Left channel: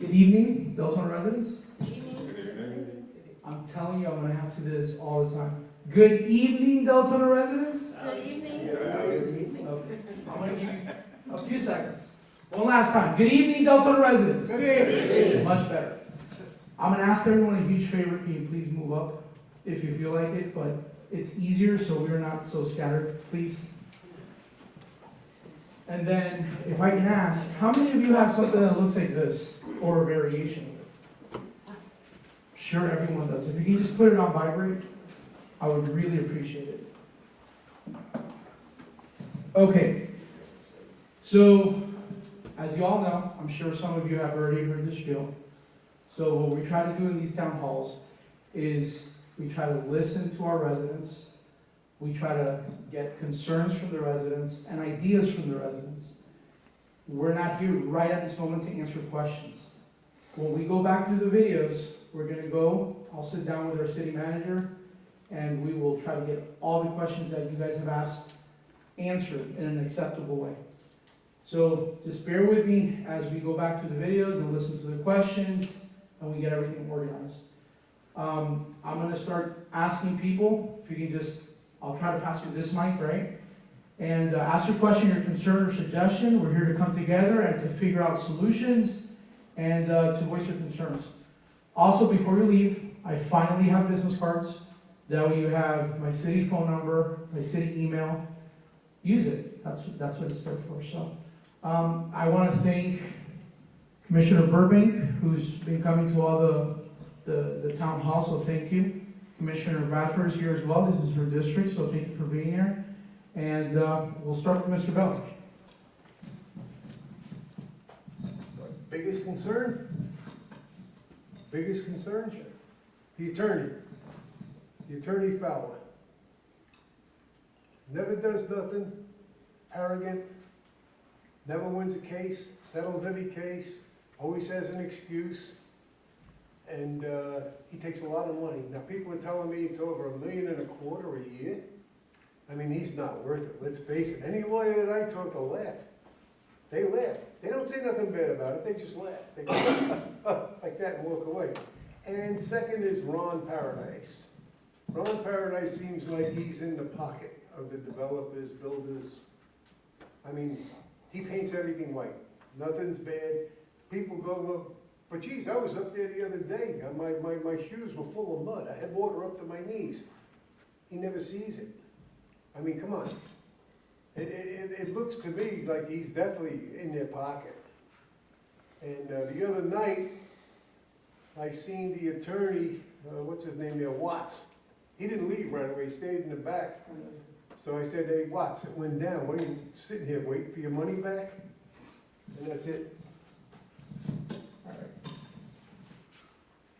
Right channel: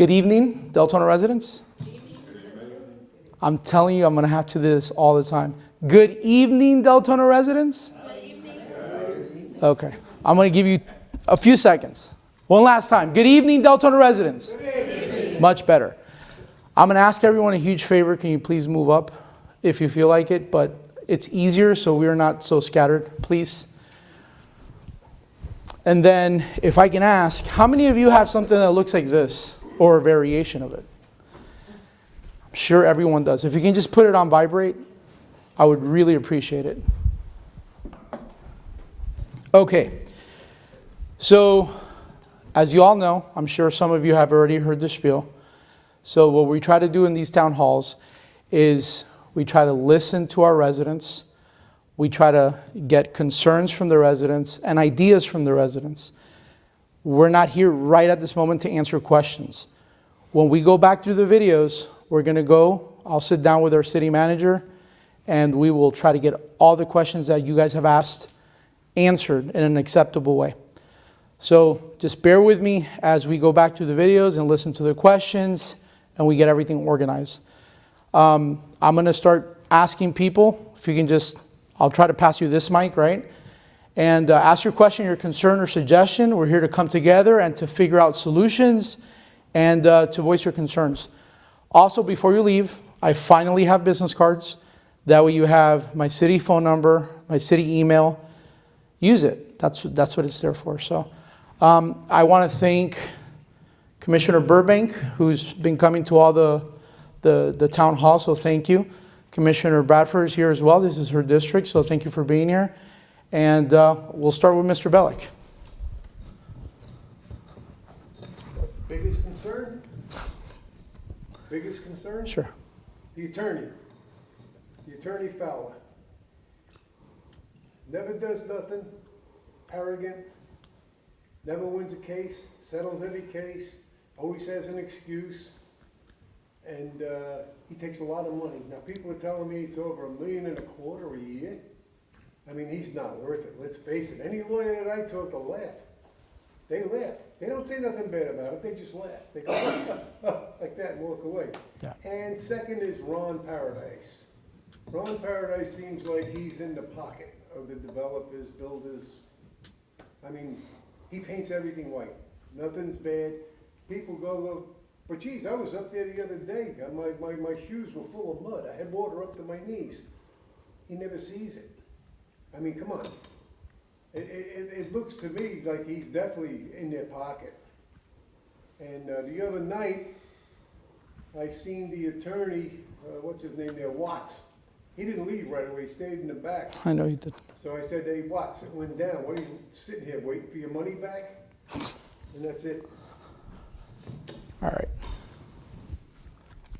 Good evening, Deltona residents. I'm telling you, I'm going to have to do this all the time. Good evening, Deltona residents. Good evening. Okay, I'm going to give you a few seconds. One last time. Good evening, Deltona residents. Good evening. Much better. I'm going to ask everyone a huge favor. Can you please move up if you feel like it? But it's easier so we're not so scattered, please. And then if I can ask, how many of you have something that looks like this or a variation of it? I'm sure everyone does. If you can just put it on vibrate, I would really appreciate it. Okay. So, as you all know, I'm sure some of you have already heard the spiel. So what we try to do in these town halls is we try to listen to our residents. We try to get concerns from the residents and ideas from the residents. We're not here right at this moment to answer questions. When we go back through the videos, I'll sit down with our city manager, and we will try to get all the questions that you guys have asked answered in an acceptable way. So just bear with me as we go back through the videos and listen to the questions, and we get everything organized. I'm going to start asking people, if you can I'll try to pass you this mic, right? And ask your question, your concern, or suggestion. We're here to come together and to figure out solutions and to voice your concerns. Also, before you leave, I finally have business cards. That way you have my city phone number, my city email. Use it. That's what it's there for. So I want to thank Commissioner Burbank, who's been coming to all the town hall, so thank you. Commissioner Bradford is here as well. This is her district, so thank you for being here. And we'll start with Mr. Bellick. Biggest concern? Biggest concern? Sure. The attorney Fowler. Never does nothing, arrogant, never wins a case, settles every case, always has an excuse, and he takes a lot of money. Now people are telling me it's over $1.25 million a year. I mean, he's not worth it, let's face it. Any lawyer that I talk to laugh. They laugh. They don't say nothing bad about it, they just laugh. They go like that and walk away. Yeah. And second is Ron Paradise. Ron Paradise seems like he's in the pocket of the developers, builders. I mean, he paints everything white. Nothing's bad. People go, but geez, I was up there the other day. My shoes were full of mud. I had water up to my knees. He never sees it. I mean, come on. It looks to me like he's definitely in their pocket. And the other night, I seen the attorney, what's his name there, Watts. He didn't leave right away, he stayed in the back. I know you did. So I said, hey, Watts, it went down. What are you sitting here, waiting for your money back? And that's it. All right.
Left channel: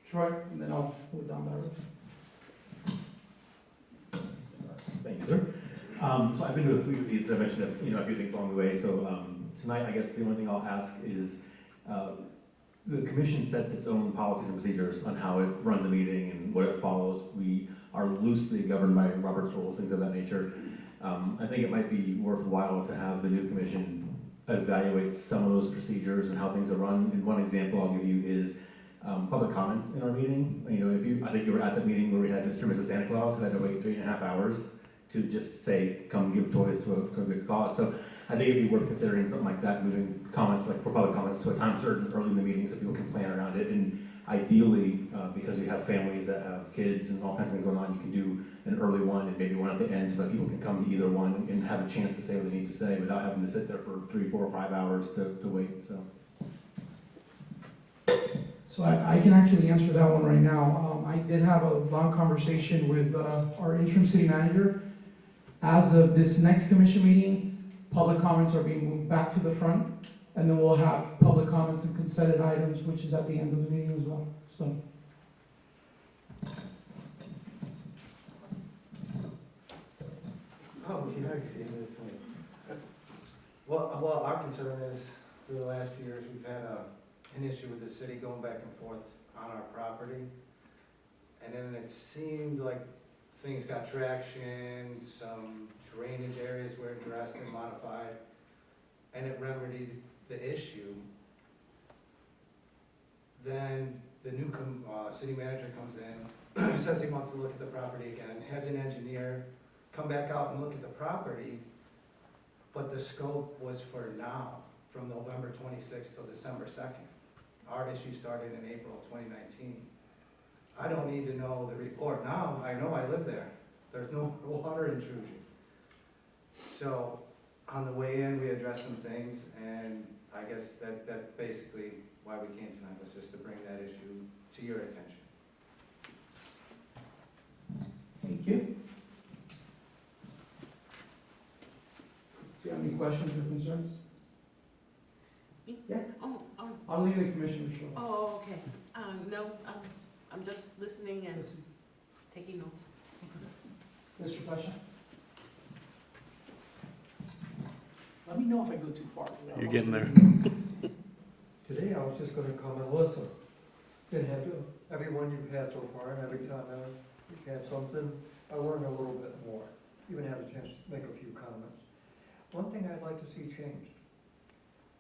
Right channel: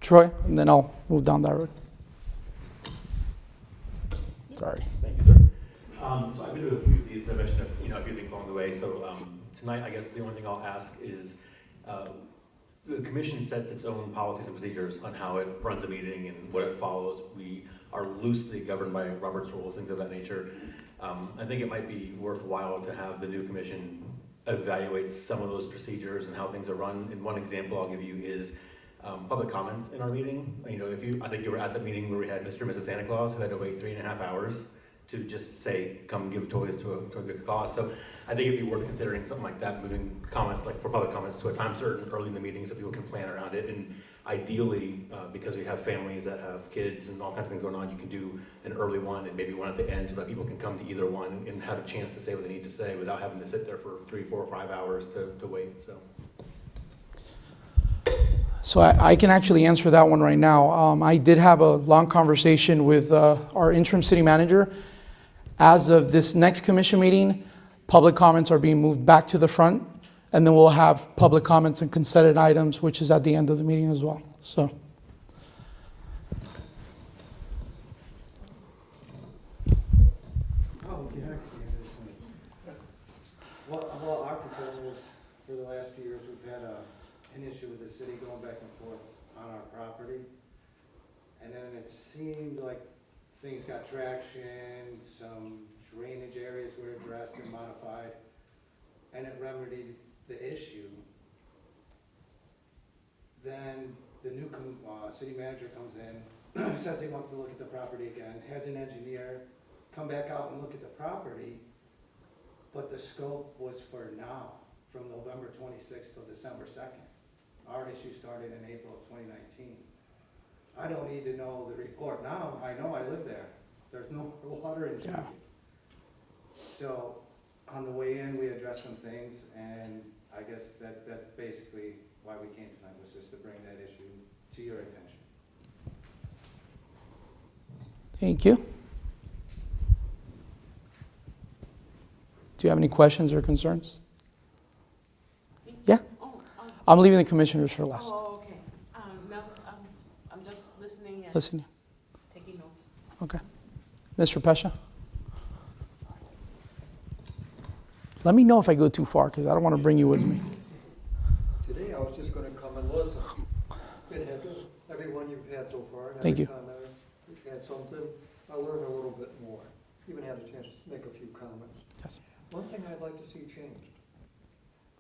Troy, and then I'll move down that road. Sorry. Thank you, sir. So I've been to a few of these. I mentioned a few things along the way. So tonight, I guess the only thing I'll ask is the commission sets its own policies and procedures on how it runs a meeting and what it follows. We are loosely governed by Robert's rules, things of that nature. I think it might be worthwhile to have the new commission evaluate some of those procedures and how things are run. And one example I'll give you is public comments in our meeting. I think you were at the meeting where we had Mr. and Mrs. Santa Claus who had to wait 3.5 hours to just say, come give toys to a good cause. So I think it'd be worth considering something like that, moving comments, like for public comments, to a time certain early in the meeting so people can plan around it. And ideally, because we have families that have kids and all kinds of things going on, you can do an early one and maybe one at the end so that people can come to either one and have a chance to say what they need to say without having to sit there for 3, 4, or 5 hours to wait. So I can actually answer that one right now. I did have a long conversation with our interim city manager. As of this next commission meeting, public comments are being moved back to the front, and then we'll have public comments and consented items, which is at the end of the meeting as well. So. Well, our concern is, for the last few years, we've had an issue with the city going back and forth on our property. And then it seemed like things got traction, some drainage areas were addressed and modified, and it remedied the issue. city manager comes in, says he wants to look at the property again, has an engineer come back out and look at the property, but the scope was for now, from November 26th till December 2nd. Our issue started in April of 2019. I don't need to know the report now, I know I live there. There's no water intrusion. So, on the way in, we addressed some things, and I guess that basically why we came tonight was just to bring that issue to your attention. Thank you. Do you have any questions or concerns? Yeah? Oh, I'm leaving the commissioners for last. okay. No, I'm just listening and Listen, taking notes. okay. Mr. Pesha? Let me know if I go too far, because I don't want to bring you with me. Today, I was just gonna come and listen. And have everyone you've had so far, and Thank every you. comment, you've had something, I learned a little bit more. Even had a chance to make a few comments. Yes. One thing I'd like to see changed.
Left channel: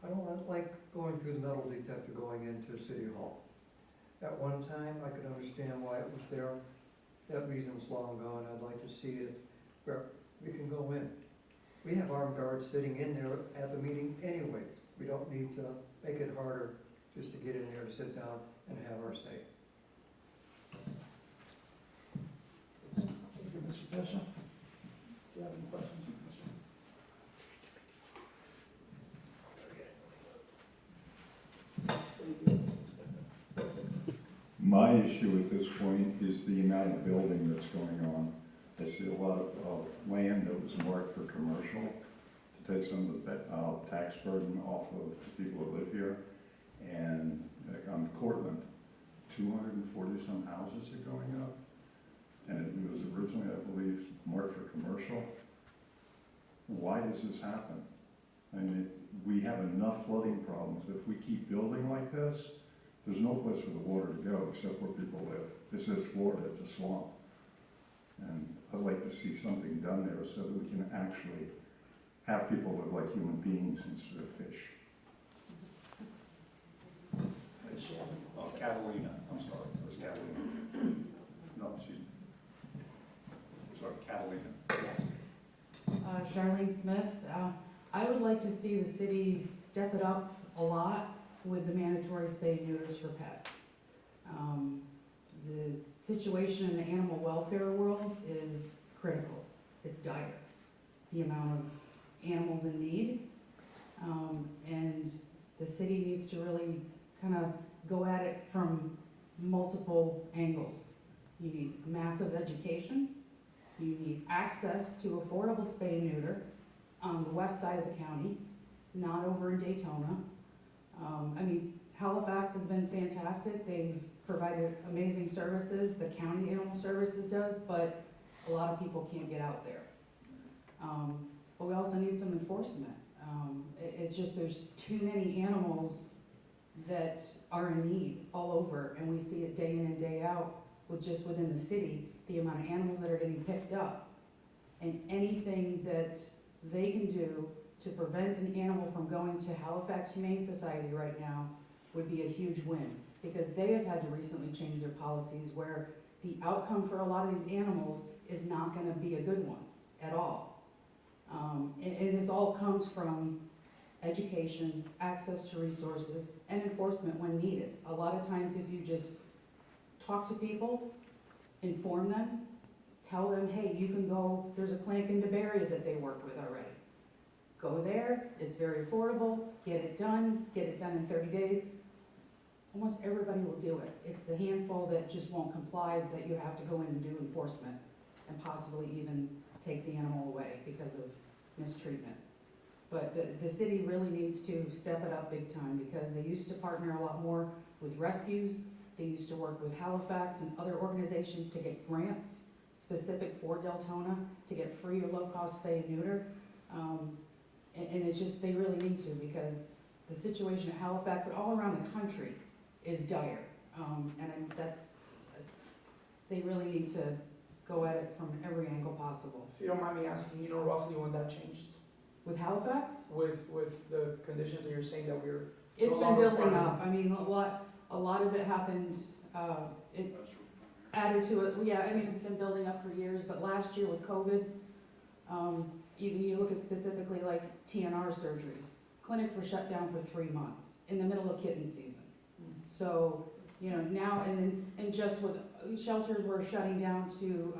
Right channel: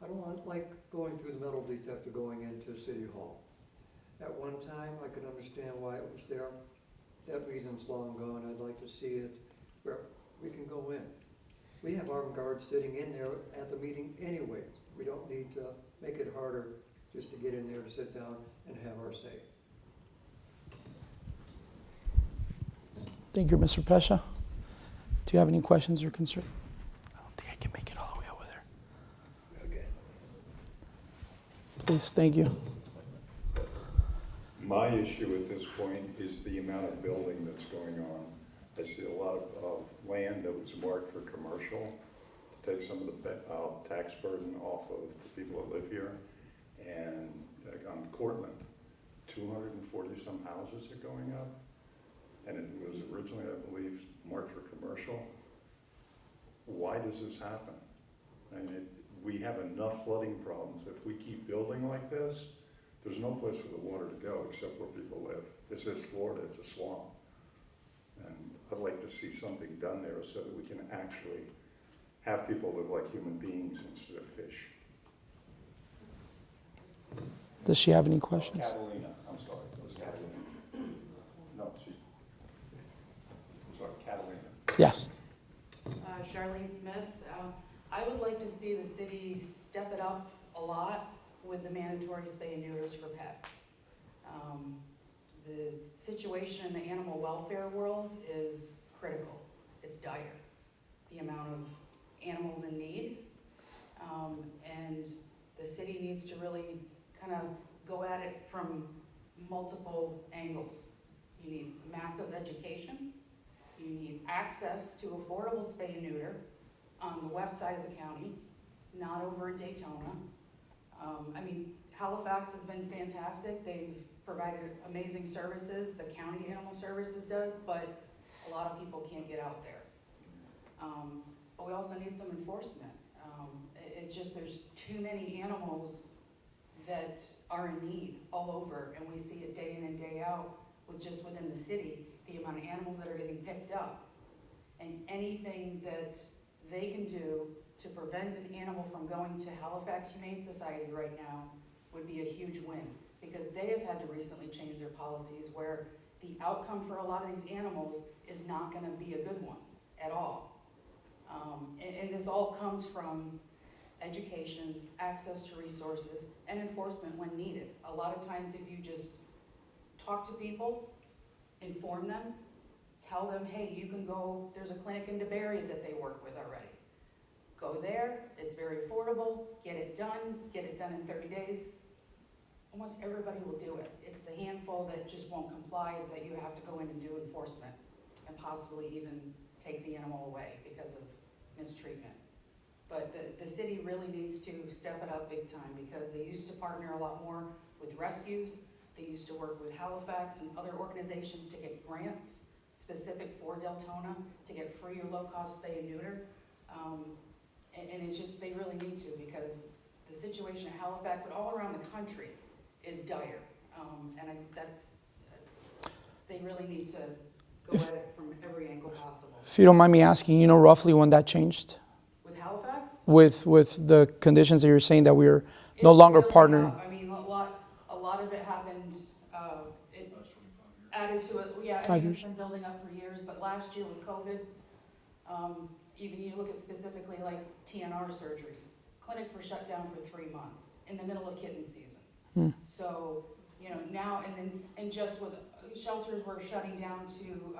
I don't like going through the metal detector going into City Hall. At one time, I could understand why it was there. That reason's long gone. I'd like to see it where we can go in. We have armed guards sitting in there at the meeting anyway. We don't need to make it harder just to get in there, sit down, and have our say. Thank you, Mr. Pesha. Do you have any questions or concerns? I don't think I can make it all the way over there. Please, thank you. My issue at this point is the amount of building that's going on. I see a lot of land that was marked for commercial to take some of the tax burden off of the people that live here. And like on Cortland, 240 some houses are going up. And it was originally, I believe, marked for commercial. Why does this happen? I mean, we have enough flooding problems. If we keep building like this, there's no place for the water to go except where people live. This is Florida, it's a swamp. And I'd like to see something done there so that we can actually have people live like human beings instead of fish. Does she have any questions? Catalina, I'm sorry, it was Catalina. No, she's, I'm sorry, Catalina. Yes. Charlene Smith. I would like to see the city step it up a lot with the mandatory spay neuters for pets. The situation in the animal welfare world is critical. It's dire. The amount of animals in need. And the city needs to really kind of go at it from multiple angles. You need massive education. You need access to affordable spay and neuter on the west side of the county, not over in Daytona. I mean, Halifax has been fantastic. They've provided amazing services. The county animal services does, but a lot of people can't get out there. But we also need some enforcement. It's just there's too many animals that are in need all over, and we see it day in and day out with just within the city, the amount of animals that are getting picked up. And anything that they can do to prevent an animal from going to Halifax Humane Society right now would be a huge win, because they have had to recently change their policies where the outcome for a lot of these animals is not gonna be a good one at all. And this all comes from education, access to resources, and enforcement when needed. A lot of times if you just talk to people, inform them, tell them, hey, you can go, there's a clinic in DeBerry that they work with already. Go there, it's very affordable, get it done in 30 days. Almost everybody will do it. It's the handful that just won't comply that you have to go in and do enforcement and possibly even take the animal away because of mistreatment. But the city really needs to step it up big time, because they used to partner a lot more with rescues. They used to work with Halifax and other organizations to get grants specific for Deltona to get free or low-cost spay and neuter. And it's just, they really need to, because the situation at Halifax and all around the country is dire. They really need to go at it from every angle possible. If you don't mind me asking, you know roughly when that changed? With Halifax? With the conditions that you're saying that we are It's no been longer building partnering? up. I mean, a lot of it happened, added to it, yeah, I 5 think it's years. been building up for years, but last year with COVID, even you look at specifically like TNR surgeries, clinics were shut down for 3 months in the middle of kitten season. Hmm. So, you know, now, and just with, shelters were shutting down to,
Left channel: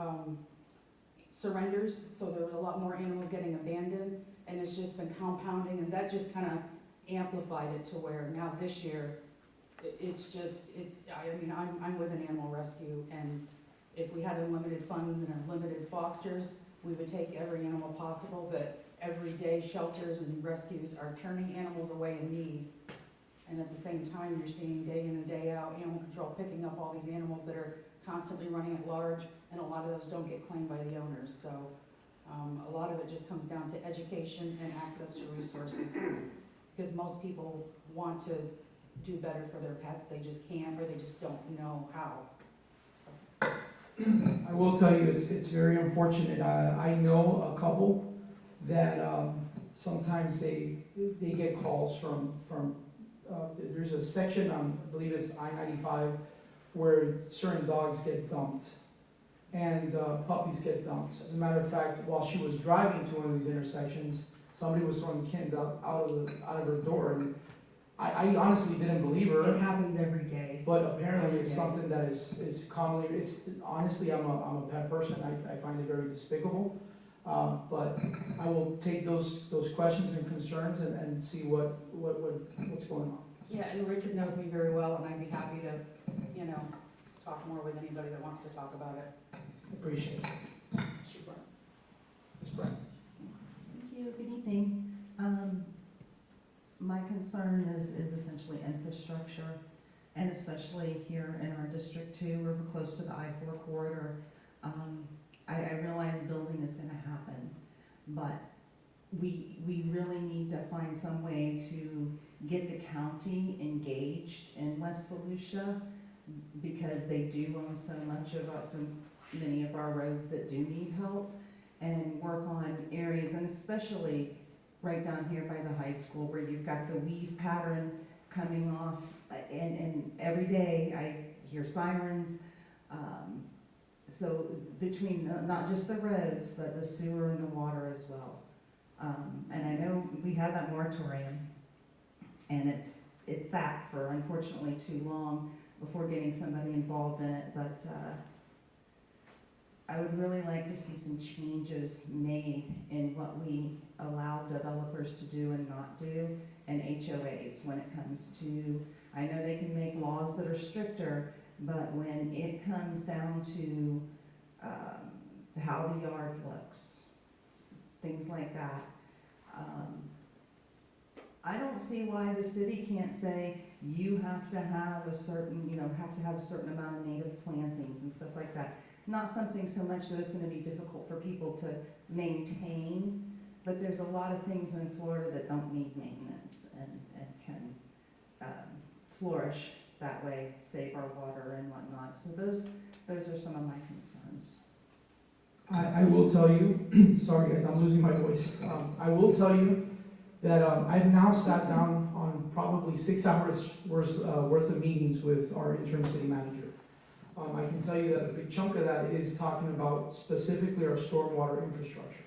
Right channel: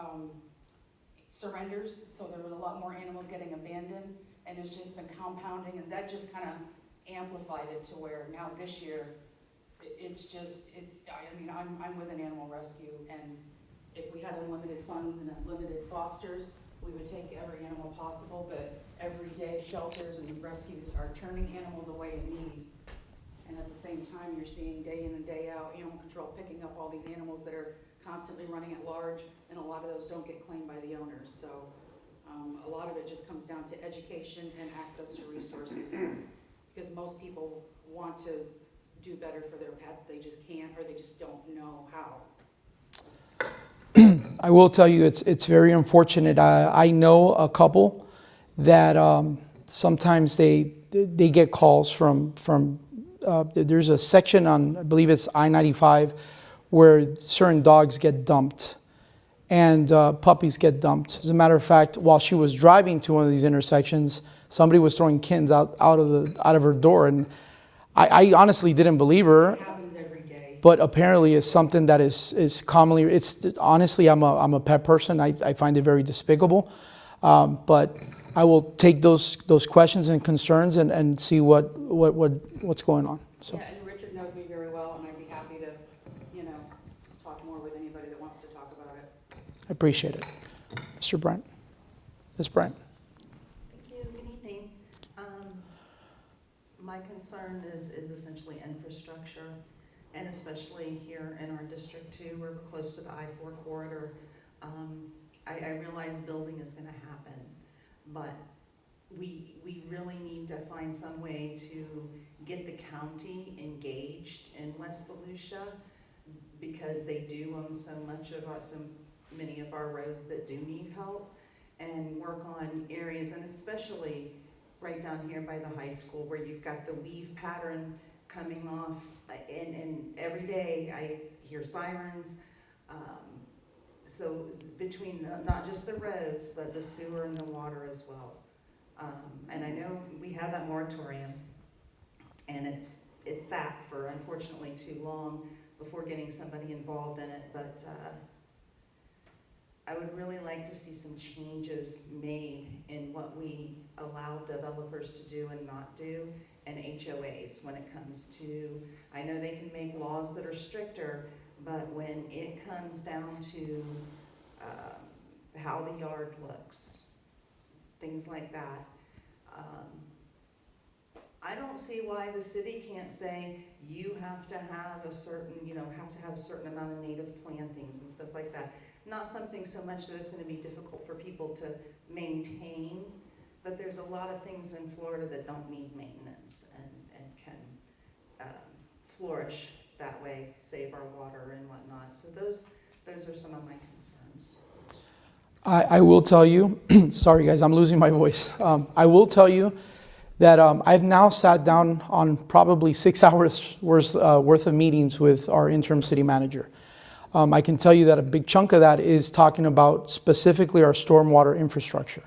surrenders, so there was a lot more animals getting abandoned, and it's just been compounding, and that just kind of amplified it to where now this year, I mean, I'm with an animal rescue, and if we had unlimited funds and unlimited fosters, we would take every animal possible, but every day shelters and rescues are turning animals away in need. And at the same time, you're seeing day in and day out, animal control picking up all these animals that are constantly running at large, and a lot of those don't get claimed by the owners. So a lot of it just comes down to education and access to resources, because most people want to do better for their pets, they just can't, or they just don't know how. I will tell you, it's very unfortunate. I know a couple that sometimes they get calls from there's a section on, I believe it's I-95, where certain dogs get dumped and puppies get dumped. As a matter of fact, while she was driving to one of these intersections, somebody was throwing kittens out of her door, and I honestly didn't believe her. It happens every day. But apparently it's something that is commonly, it's honestly, I'm a pet person. I find it very despicable. But I will take those questions and concerns and see what's going on. So. Yeah, and Richard knows me very well, and I'd be happy to, talk more with anybody that wants to talk about it. I appreciate it. Mr. Brent. Ms. Brent. Thank you. Good evening. My concern is essentially infrastructure, and especially here in our district too, where we're close to the I-4 corridor. I realize building is going to happen, but we really need to find some way to get the county engaged in West Volusia, because they do own so many of our roads that do need help, and work on areas, and especially right down here by the high school, where you've got the weave pattern coming off, and every day I hear sirens. So between not just the roads, but the sewer and the water as well. And I know we had that moratorium, and it's sat for unfortunately too long before getting somebody involved in it, but I would really like to see some changes made in what we allow developers to do and not do, and HOAs when it comes to, I know they can make laws that are stricter, but when it comes down to how the yard looks, things like that, I don't see why the city can't say you have to have a certain, have a certain amount of native plantings and stuff like that. Not something so much that it's going to be difficult for people to maintain, but there's a lot of things in Florida that don't need maintenance and can flourish that way, save our water and whatnot. So those are some of my concerns. I will tell you, sorry guys, I'm losing my voice. I will tell you that I've now sat down on probably 6 hours worth of meetings with our interim city manager. I can tell you that a big chunk of that is talking about specifically our stormwater infrastructure,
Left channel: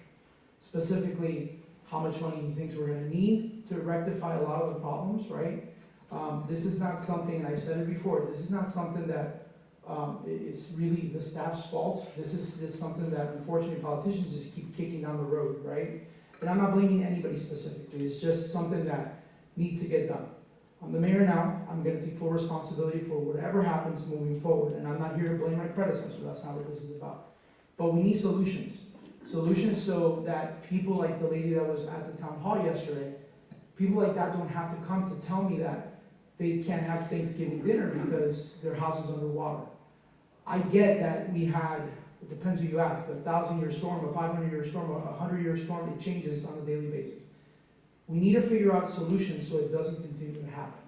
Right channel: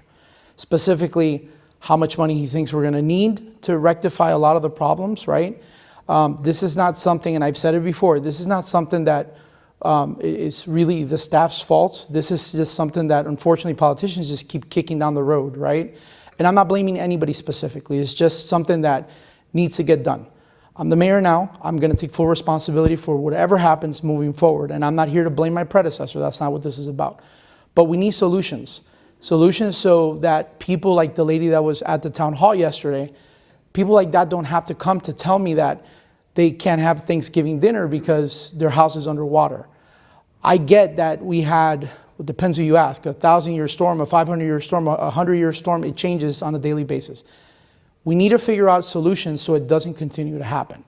specifically how much money he thinks we're going to need to rectify a lot of the problems, right? This is not something, and I've said it before, this is not something that is really the staff's fault. This is just something that unfortunately politicians just keep kicking down the road, right? And I'm not blaming anybody specifically. It's just something that needs to get done. I'm the mayor now. I'm going to take full responsibility for whatever happens moving forward. And I'm not here to blame my predecessor. That's not what this is about. But we need solutions. Solutions so that people like the lady that was at the town hall yesterday, people like that don't have to come to tell me that they can't have Thanksgiving dinner because their house is underwater. I get that we had, it depends who you ask, a 1,000-year storm, a 500-year storm, a 100-year storm. It changes on a daily basis. We need to figure out solutions so it doesn't continue to happen.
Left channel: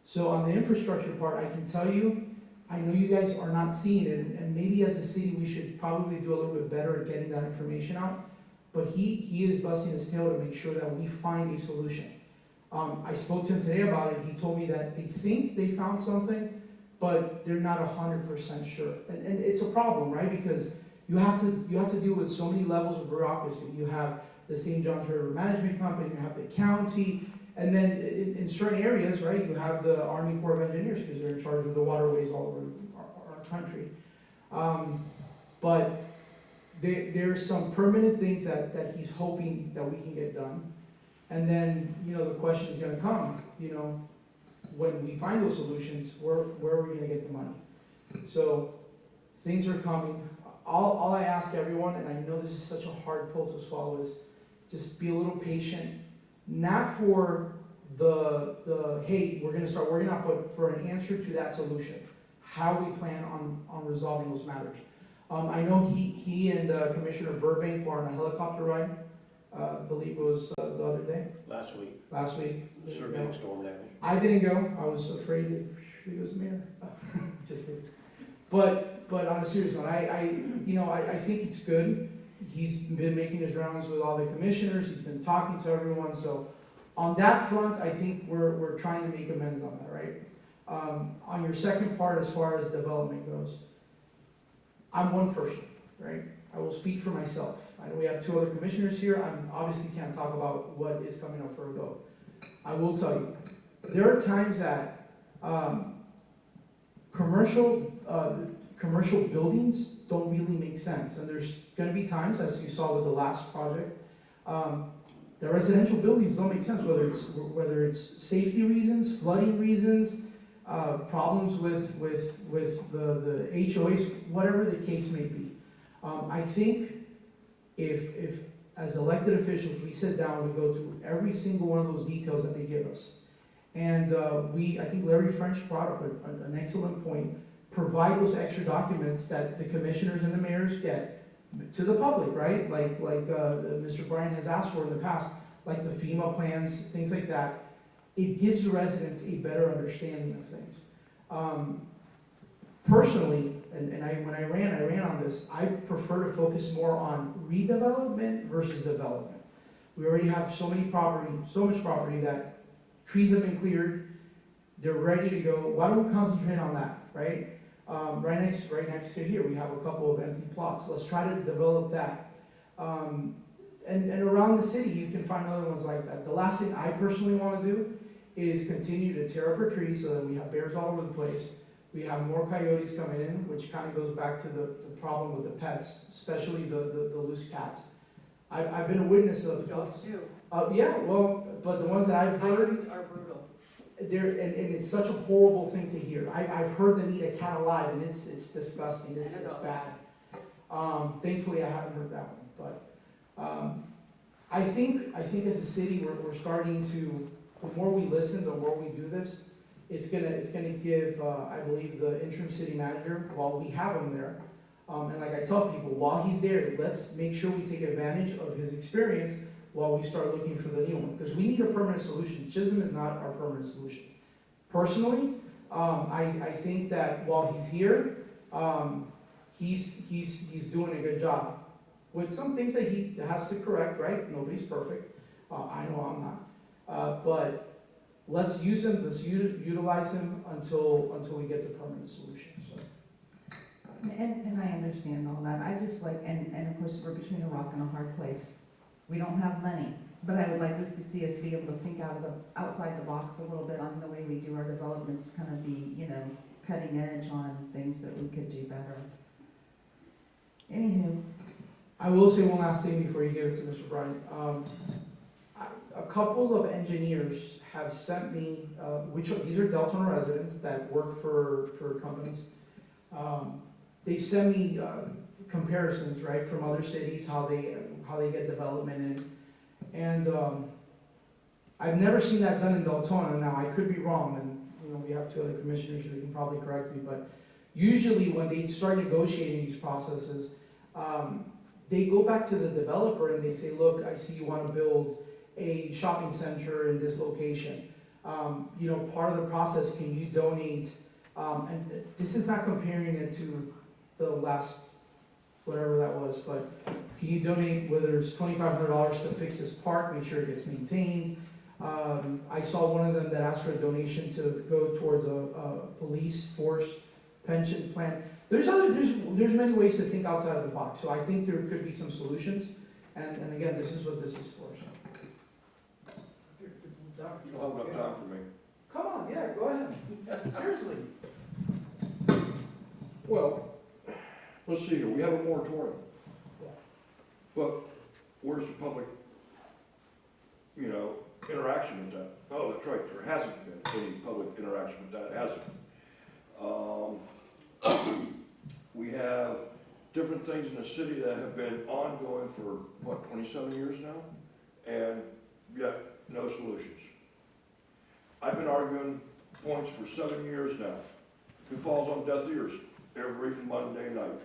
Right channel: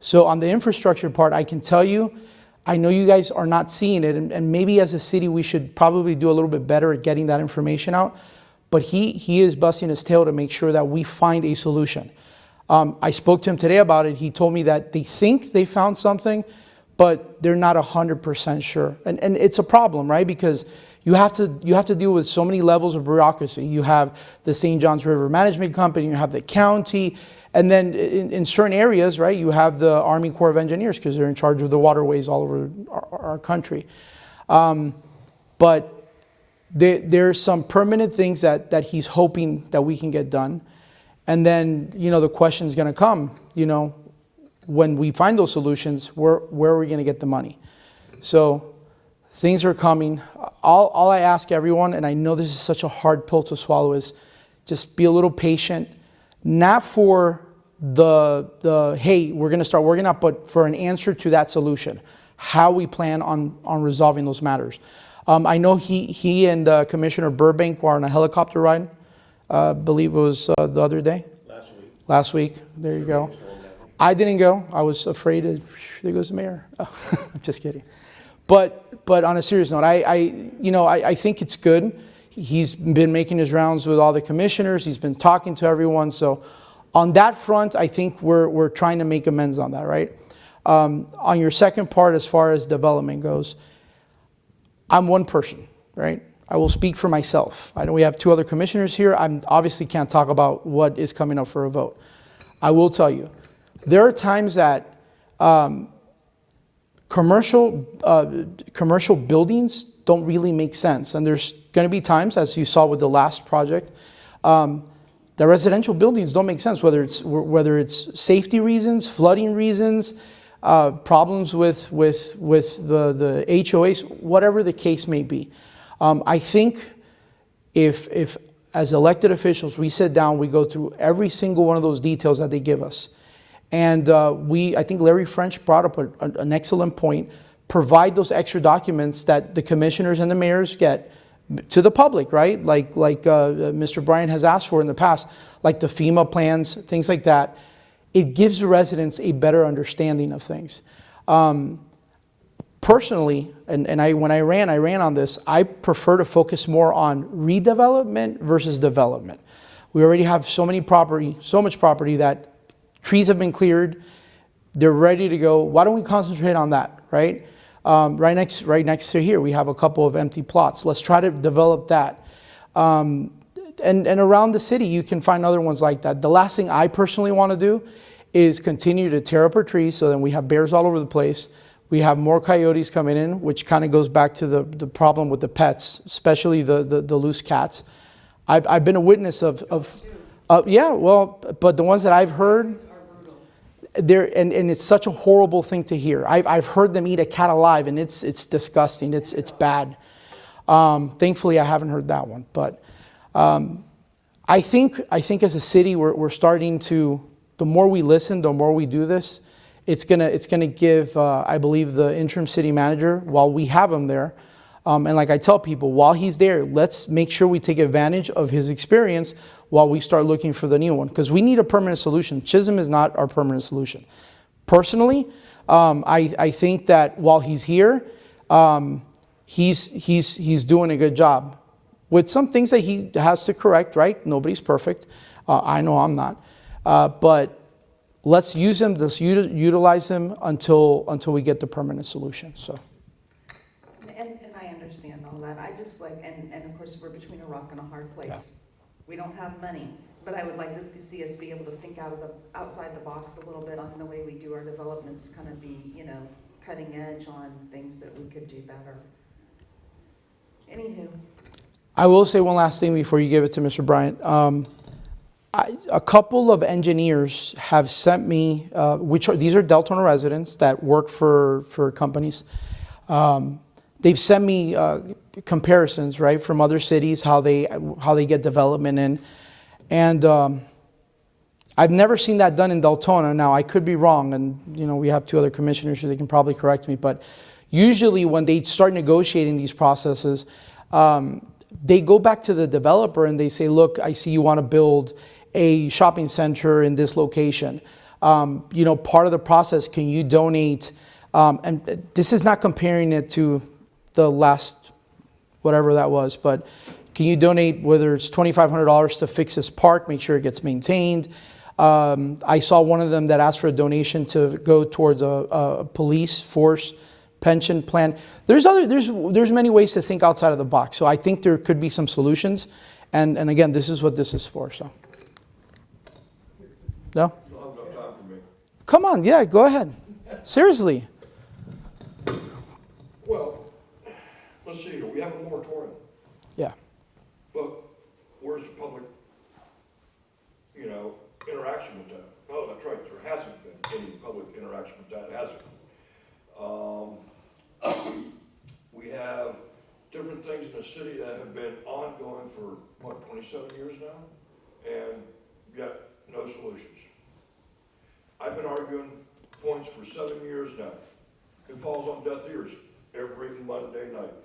So on the infrastructure part, I can tell you, I know you guys are not seeing it, and maybe as a city we should probably do a little bit better at getting that information out. But he is busting his tail to make sure that we find a solution. I spoke to him today about it. He told me that they think they found something, but they're not 100% sure. And it's a problem, right? Because you have to deal with so many levels of bureaucracy. You have the St. Johns River Management Company, you have the county, and then in certain areas, right, you have the Army Corps of Engineers because they're in charge of the waterways all over our country. But there's some permanent things that he's hoping that we can get done. And then, the question is going to come, when we find those solutions, where are we going to get the money? So things are coming. All I ask everyone, and I know this is such a hard pill to swallow, is just be a little patient. Not for the hey, we're going to start working out, but for an answer to that solution, how we plan on resolving those matters. I know he and Commissioner Burbank were on a helicopter ride, I believe it was the other day. Last week. There you go. I didn't go. I was afraid there goes the mayor. I'm just kidding. But on a serious note, I think it's good. He's been making his rounds with all the commissioners. He's been talking to everyone. So on that front, I think we're trying to make amends on that, right? On your second part, as far as development goes, I'm one person, right? I will speak for myself. I know we have two other commissioners here. I obviously can't talk about what is coming up for a vote. I will tell you, there are times that commercial buildings don't really make sense. And there's going to be times, as you saw with the last project, the residential buildings don't make sense, whether it's safety reasons, flooding reasons, problems with the HOAs, whatever the case may be. I think if as elected officials we sit down, we go through every single one of those details that they give us, and I think Larry French brought up an excellent point. Provide those extra documents that the commissioners and the mayors get to the public, right? Like Mr. Bryan has asked for in the past, like the FEMA plans, things like that. It gives the residents a better understanding of things. Personally, when I ran on this, I prefer to focus more on redevelopment versus development. We already have so much property that trees have been cleared, they're ready to go. Why don't we concentrate on that, right? Right next to here, we have a couple of empty plots. Let's try to develop that. And around the city, you can find other ones like that. The last thing I personally want to do is continue to tear up our trees so then we have bears all over the place. We have more coyotes coming in, which kind of goes back to the problem with the pets, especially the loose cats. I've been a witness of yeah, well, but the ones that I've heard, and it's such a horrible thing to hear. I've heard them eat a cat alive, and it's disgusting. It's bad. Thankfully, I haven't heard that one. But I think as a city, we're starting to. The more we listen, the more we do this, it's gonna give. I believe the interim city manager, while we have him there, and like I tell people, while he's there, let's make sure we take advantage of his experience while we start looking for the new one, because we need a permanent solution. Chisholm is not our permanent solution. Personally, I think that while he's here, he's doing a good job with some things that he has to correct. Right? Nobody's perfect. I know I'm not. But let's use him. Let's utilize him until we get the permanent solution. So. And I understand all that. I just like, and of course we're between a rock and a hard place. Yeah. We don't have money, but I would like to see us be able to think outside the box a little bit on the way we do our developments, to kind of be, cutting edge on things that we could do better. Anywho. I will say one last thing before you give it to Mr. Bryant. A couple of engineers have sent me, these are Deltona residents that work for companies. They've sent me comparisons, right, from other cities, how they get development in, and I've never seen that done in Deltona. Now I could be wrong, and we have two other commissioners, so they can probably correct me. But usually when they start negotiating these processes, they go back to the developer and they say, "Look, I see you want to build a shopping center in this location. Part of the process, can you donate?" And this is not comparing it to the last, whatever that was, but can you donate, whether it's $2,500 to fix this park, make sure it gets maintained, I saw one of them that asked for a donation to go towards a police force pension plan. There's many ways to think outside of the box. So I think there could be some solutions. And again, this is what this is for. So, no? You'll have enough time for me. Come on, yeah, go ahead. Seriously. Well, let's see here, we have a moratorium, Yeah. but where's the public, interaction with that? Oh, that's right, there hasn't been any public interaction with that, has it? We have different things in the city that have been ongoing for, 27 years now? And yet, no solutions. I've been arguing points for 7 years now. It falls on deaf ears every Monday night.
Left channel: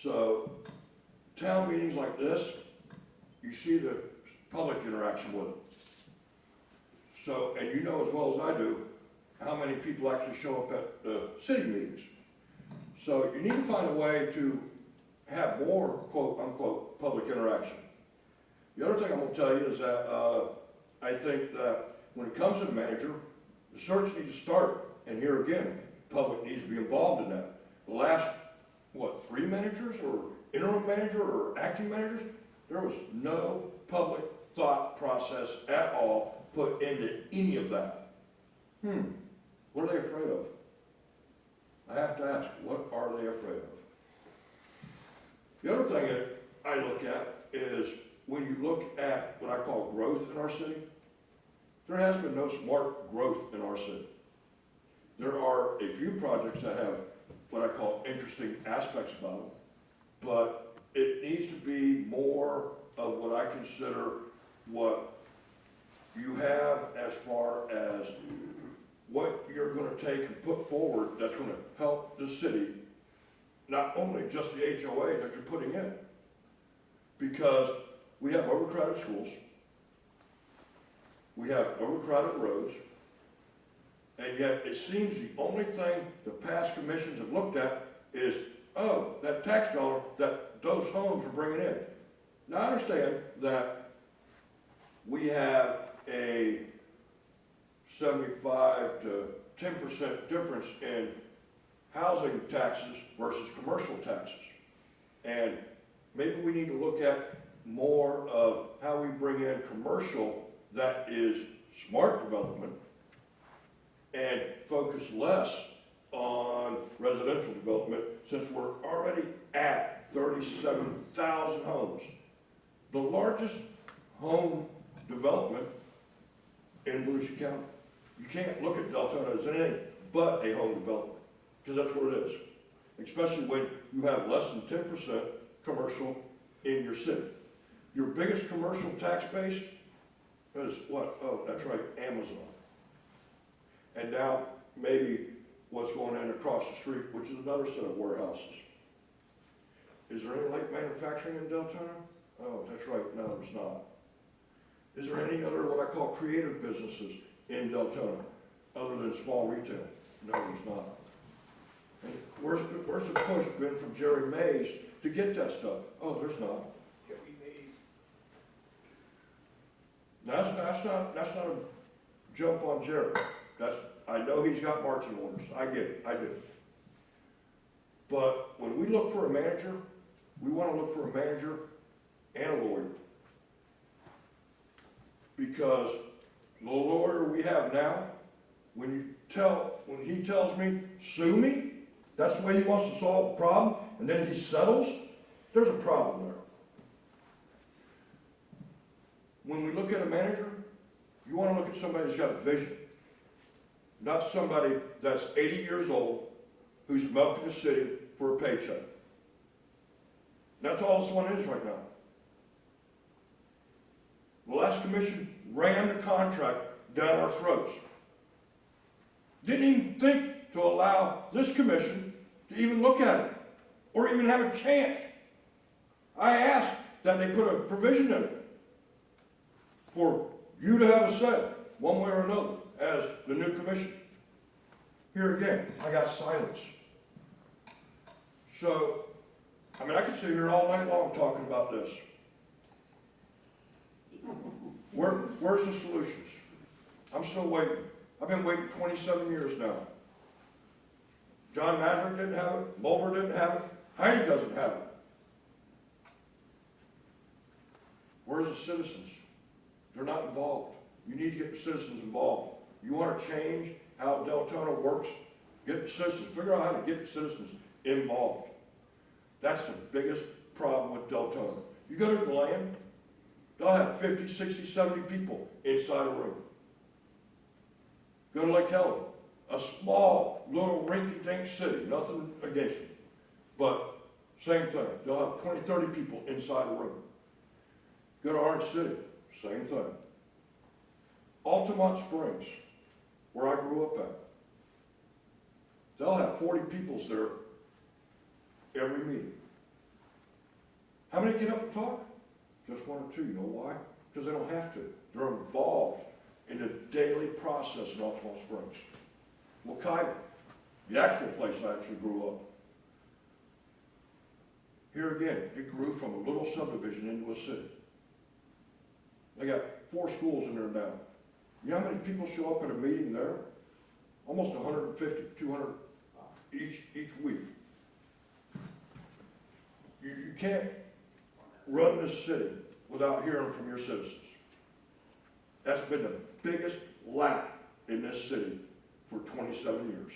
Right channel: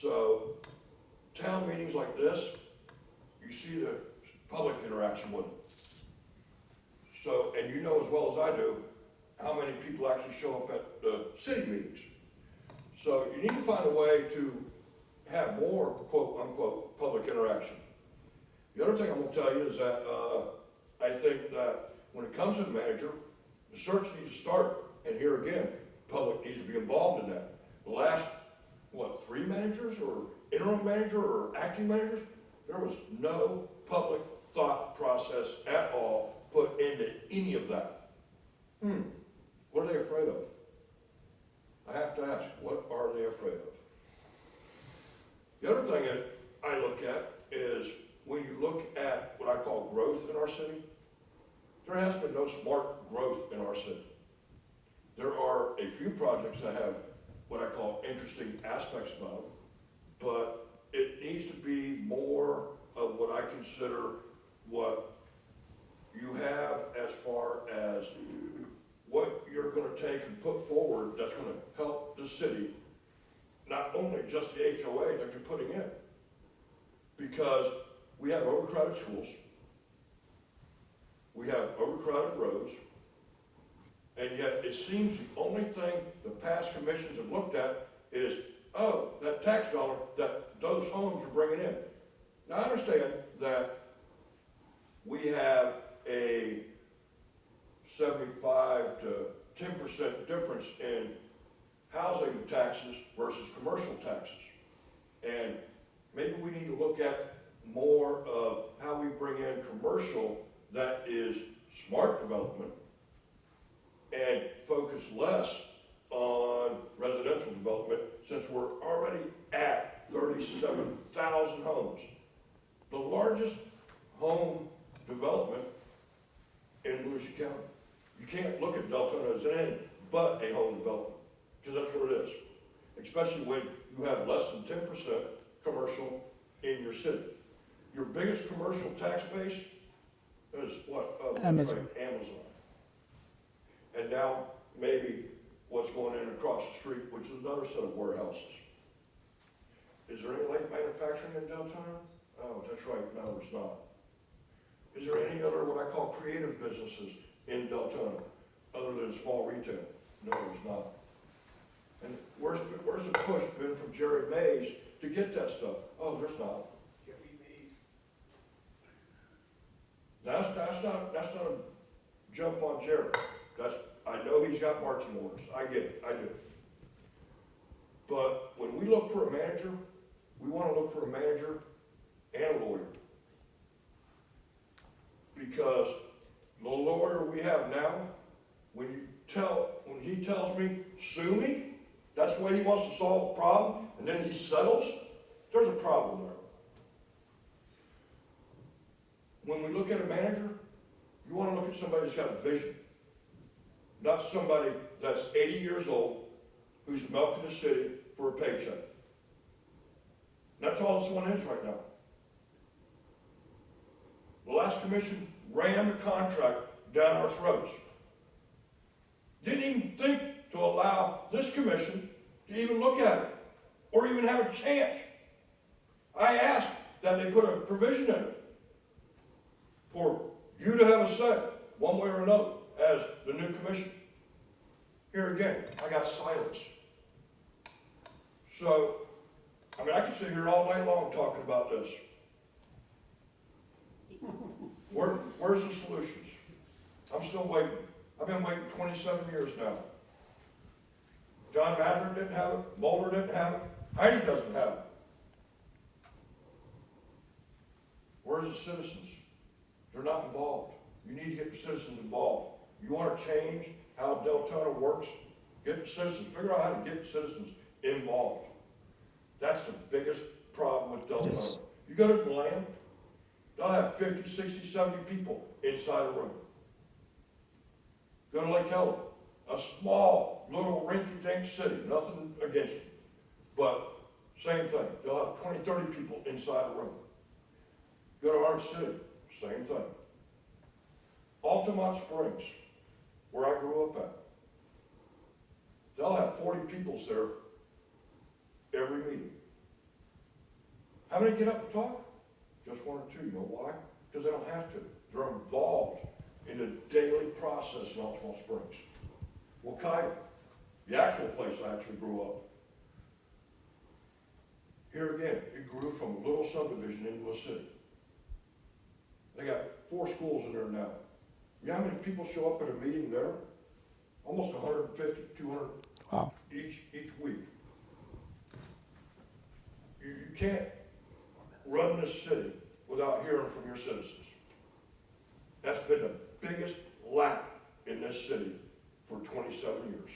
So, town meetings like this, you see the public interaction with it. So, and you know as well as I do, how many people actually show up at the city meetings. So you need to find a way to have more quote-unquote public interaction. The other thing I will tell you is that I think that when it comes to the manager, the search needs to start, and here again, the public needs to be involved in that. The last, 3 managers, or interim manager, or acting managers, there was no public thought process at all put into any of that. What are they afraid of? I have to ask, what are they afraid of? The other thing that I look at is when you look at what I call growth in our city, there has been no smart growth in our city. There are a few projects that have what I call interesting aspects about them, but it needs to be more of what I consider what you have as far as what you're going to take and put forward that's going to help the city, not only just the HOA that you're putting in, because we have overcrowded schools, we have overcrowded roads, and yet it seems the only thing the past commissions have looked at is, oh, that tax dollar that those homes are bringing in. Now I understand that we have a 75 to 10% difference in housing taxes versus commercial taxes. And maybe we need to look at more of how we bring in commercial that is smart development and focus less on residential development, since we're already at 37,000 homes. The largest home development in Volusia County. You can't look at Deltona as anything but a home development, because that's what it is. Especially when you have less than 10% commercial in your city. Your biggest commercial tax base is what? Oh, that's Amazon. right, Amazon. And now maybe what's going in across the street, which is another set of warehouses. Is there any light manufacturing in Deltona? Oh, that's right, no, there's not. Is there any other what I call creative businesses in Deltona, other than small retail? No, there's not. And where's the push been from Jerry Mays to get that stuff? Oh, there's not. That's not a jump on Jerry. I know he's got marching orders. I get it, I do. But when we look for a manager, we want to look for a manager and a lawyer. Because the lawyer we have now, when he tells me, sue me, that's the way he wants to solve the problem, and then he settles, there's a problem there. When we look at a manager, you want to look at somebody that's got a vision. Not somebody that's 80 years old who's milking the city for a paycheck. That's all this one is right now. The last commission ran the contract down our throats. Didn't even think to allow this commission to even look at it, or even have a chance. I asked that they put a provision in it for you to have a say, one way or another, as the new commission. Here again, I got silence. So, I could sit here all night long talking about this. Where's the solutions? I'm still waiting. I've been waiting 27 years now. John Maverick didn't have it, Mulder didn't have it, Heidi doesn't have it. Where's the citizens? They're not involved. You need to get the citizens involved. You want to change how Deltona works? Get the citizens, figure out how to get the citizens involved. That's the biggest problem with Deltona. Yes. You go to the land, they'll have 50, 60, 70 people inside a room. Go to Lake Helen, a small, little rinky-dink city, nothing against it. But same thing, they'll have 20, 30 people inside a room. Go to Orange City, same thing. Altamont Springs, where I grew up at, they'll have 40 peoples there every meeting. How many get up and talk? Just one or two. You know why? Because they don't have to. They're involved in the daily process in Altamont Springs. Wakaiba, the actual place I actually grew up. Here again, it grew from a little subdivision into a city. They got 4 schools in there now. You know how many people show up at a meeting there? Almost 150, 200 Wow. each week. You can't run this city without hearing from your citizens. That's been the biggest lack in this city for 27 years.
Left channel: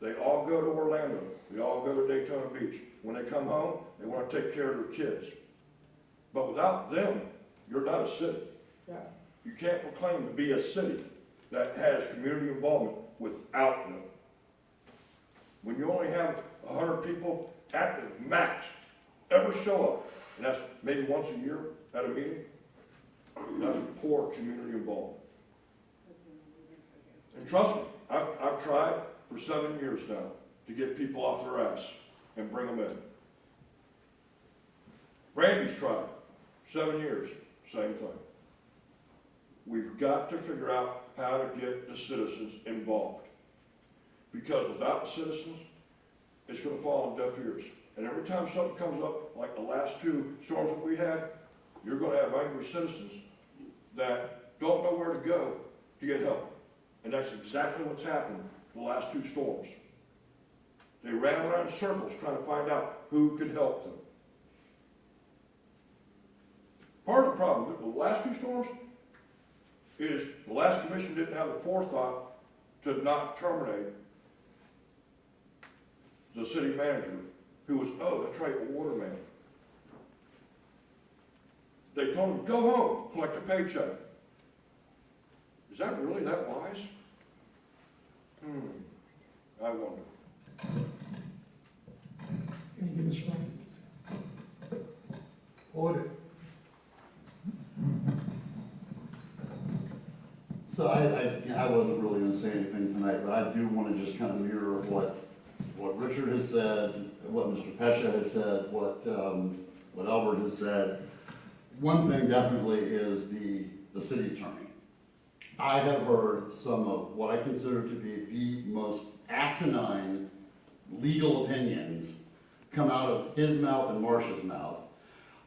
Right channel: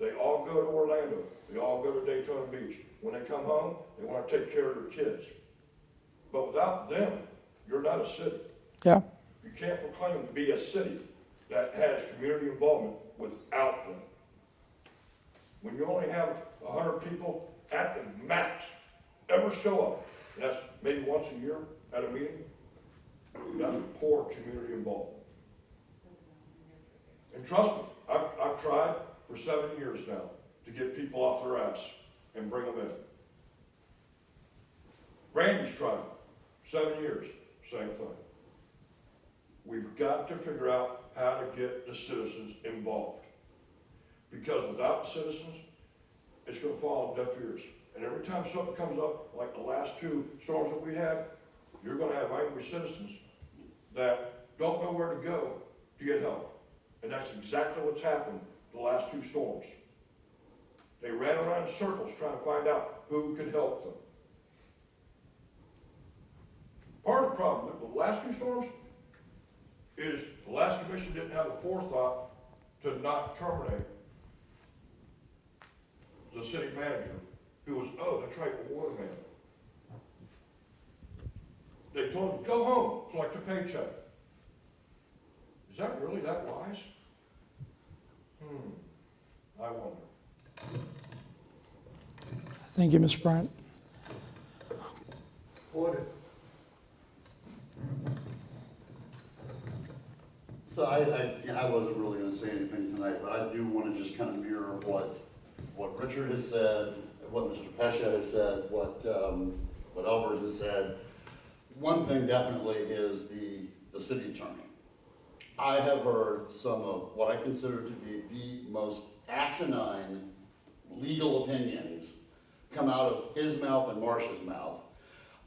They all go to Orlando. They all go to Daytona Beach. When they come home, they want to take care of their kids. But without them, you're not a city. Yeah. You can't proclaim to be a city that has community involvement without them. When you only have 100 people at the max ever show up, and that's maybe once a year at a meeting, that's poor community involvement. And trust me, I've tried for 7 years now to get people off their ass and bring them in. Randy's tried 7 years, same thing. We've got to figure out how to get the citizens involved. Because without the citizens, it's going to fall on deaf ears. And every time something comes up, like the last 2 storms that we had, you're going to have angry citizens that don't know where to go to get help. And that's exactly what's happened the last 2 storms. They ran around in circles trying to find out who could help them. Part of the problem with the last 2 storms is the last commission didn't have the forethought to not terminate the city manager, who was, oh, that's right, the water man. They told him, go home, collect a paycheck. Is that really that wise? I wonder. Thank you, Ms. Bryant. Audit. So I wasn't really gonna say anything tonight, but I do wanna just kind of mirror what Richard has said, what Mr. Pesha has said, what Albert has said. One thing definitely is the city attorney. I have heard some of what I consider to be the most asinine legal opinions come out of his mouth and Marcia's mouth.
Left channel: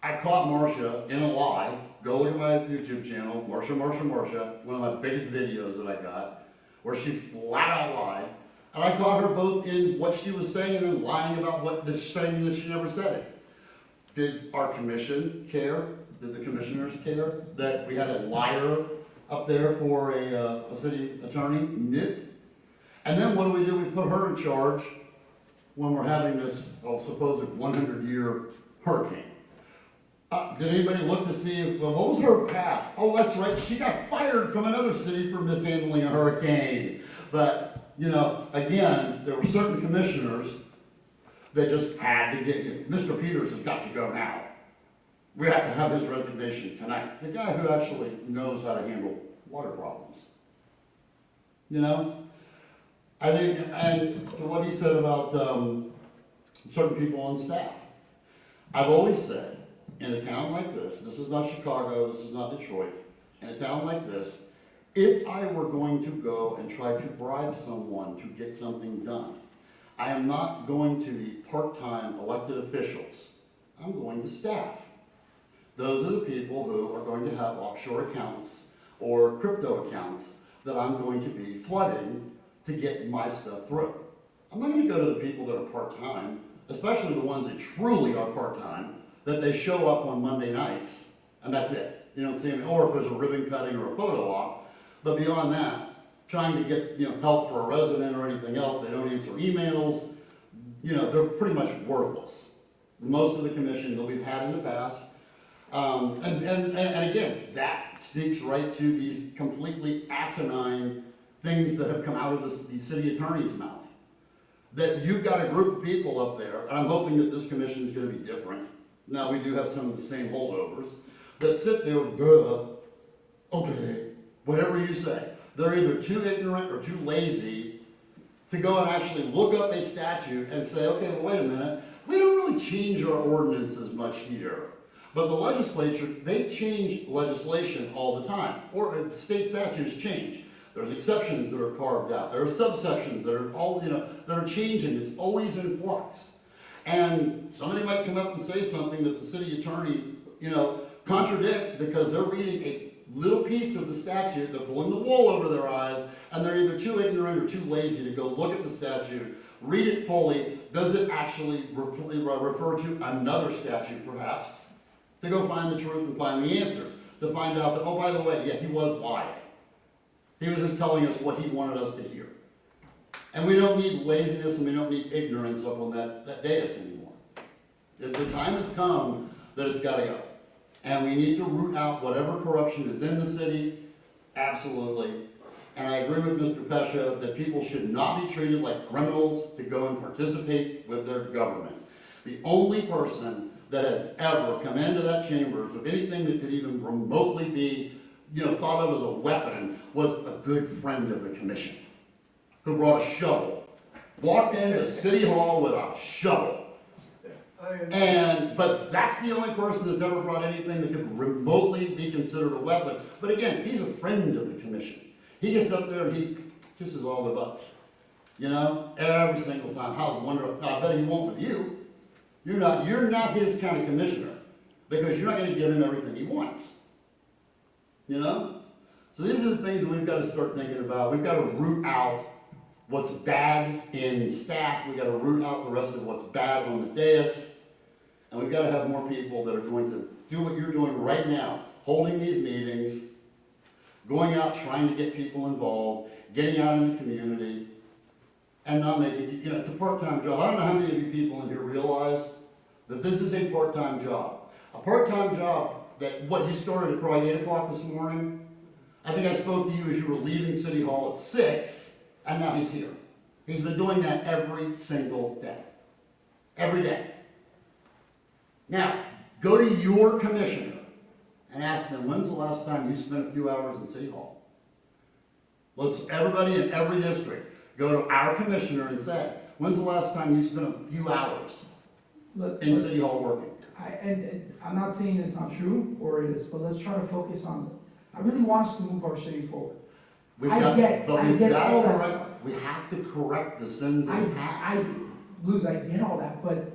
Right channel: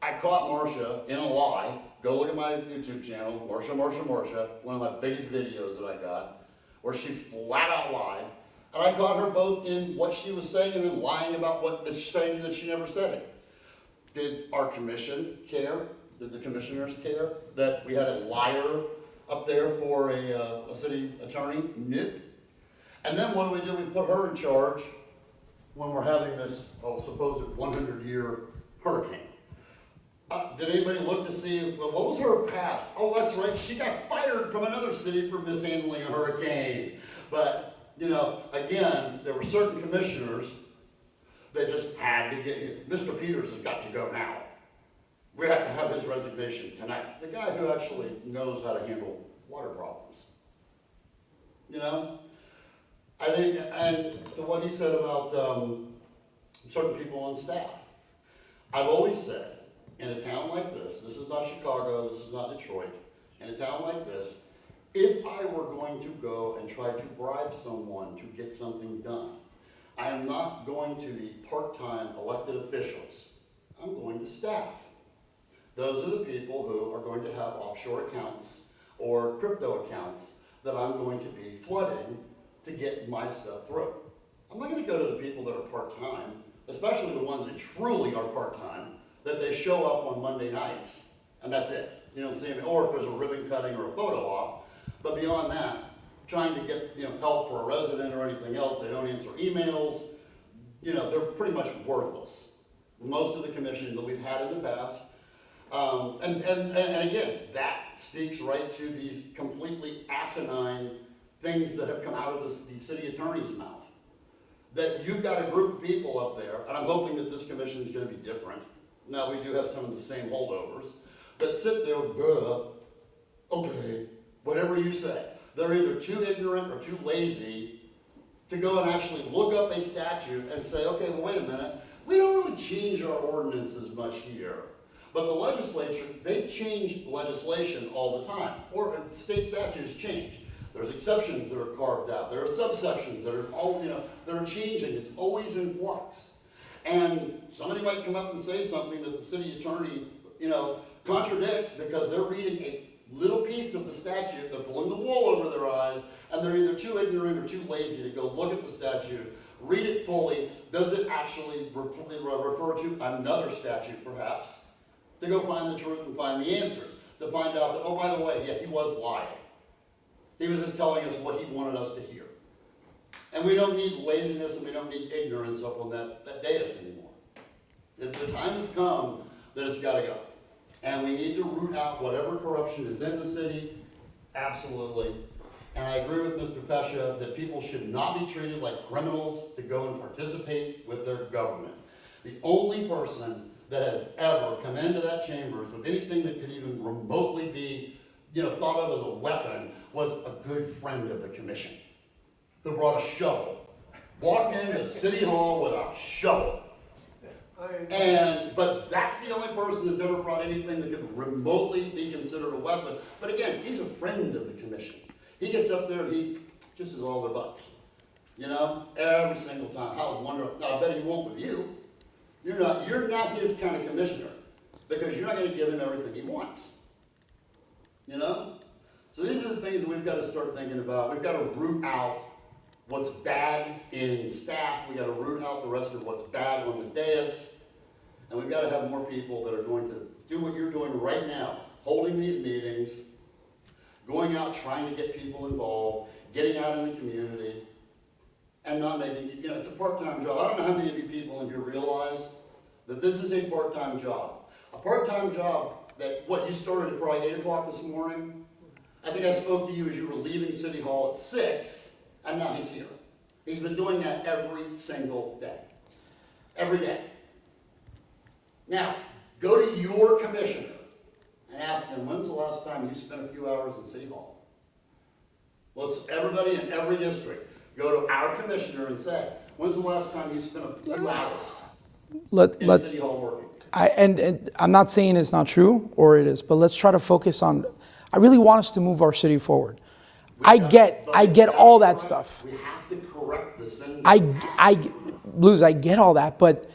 I caught Marcia in a lie. Go look at my YouTube channel, Marcia, one of my biggest videos that I got, where she flat out lied. And I caught her both in what she was saying and then lying about saying that she never said it. Did our commission care? Did the commissioners care that we had a liar up there for a city attorney? Nope. And then what do? We put her in charge when we're having this supposed 100-year hurricane. Did anybody look to see, what was her past? Oh, that's right, she got fired from another city for mishandling a hurricane. But, you know, again, there were certain commissioners that just had to get, Mr. Peters has got to go now. We have to have his resignation tonight. The guy who actually knows how to handle water problems. You know? I think, and what he said about certain people on staff. I've always said, in a town like this is not Chicago, this is not Detroit, in a town like this, if I were going to go and try to bribe someone to get something done, I am not going to the part-time elected officials. I'm going to staff Those are the people who are going to have offshore accounts or crypto accounts that I'm going to be flooding to get my stuff through. I'm not gonna go to the people that are part-time, especially the ones that truly are part-time, that they show up on Monday nights, and that's it. You know what I'm saying? Or if there's a ribbon cutting or a photo op, but beyond that, trying to get, help for a resident or anything else, they don't answer emails, they're pretty much worthless. Most of the commission that we've had in the past. And again, that speaks right to these completely asinine things that have come out of the city attorney's mouth. That you've got a group of people up there, and I'm hoping that this commission is gonna be different. Now, we do have some of the same holdovers, that sit there with, okay, whatever you say. They're either too ignorant or too lazy to go and actually look up a statute and say, okay, well, wait a minute, we don't really change our ordinances much here. But the legislature, they change legislation all the time, or state statutes change. There's exceptions that are carved out. There are subsections that are all, that are changing. It's always in flux. And somebody might come up and say something that the city attorney, contradicts because they're reading a little piece of the statute, they're pulling the wool over their eyes, and they're either too ignorant or too lazy to go look at the statute, read it fully. Does it actually refer to another statute, perhaps? To go find the truth and find the answers. To find out that, oh, by the way, yeah, he was lying. He was just telling us what he wanted us to hear. And we don't need laziness and we don't need ignorance up on that dais anymore. The time has come that it's got to go. And we need to root out whatever corruption is in the city, absolutely. And I agree with Mr. Pesha that people should not be treated like criminals to go and participate with their government. The only person that has ever come into that chamber with anything that could even remotely be, thought of as a weapon was a good friend of the commission who brought a shovel, walked into City Hall with a shovel. But that's the only person that's ever brought anything that could remotely be considered a weapon. But again, he's a friend of the commission. He gets up there and he kisses all the butts, every single time. How wonderful! Now, I bet he won't with you. You're not his kind of commissioner because you're not going to give him everything he wants. So these are the things that we've got to start thinking about. We've got to root out what's bad in staff. We've got to root out the rest of what's bad on the dais. And we've got to have more people that are going to do what you're doing right now, holding these meetings, going out trying to get people involved, getting out in the community, and not making, it's a part-time job. I don't know how many of you people in here realize that this is a part-time job. A part-time job that, you started at probably 8 o'clock this morning. I think I spoke to you as you were leaving City Hall at 6, and now he's here. He's been doing that every single day. Every day. Now, go to your commissioner and ask them, when's the last time you spent a few hours in City Hall? Let's, everybody in every district, go to our commissioner and say, when's the last time you spent a few hours in City Hall working? And I'm not saying it's not true, or it is, but let's try to focus on, I really want us to move our city forward. I get all that stuff. We have to correct the sins. Blues, I get all that, but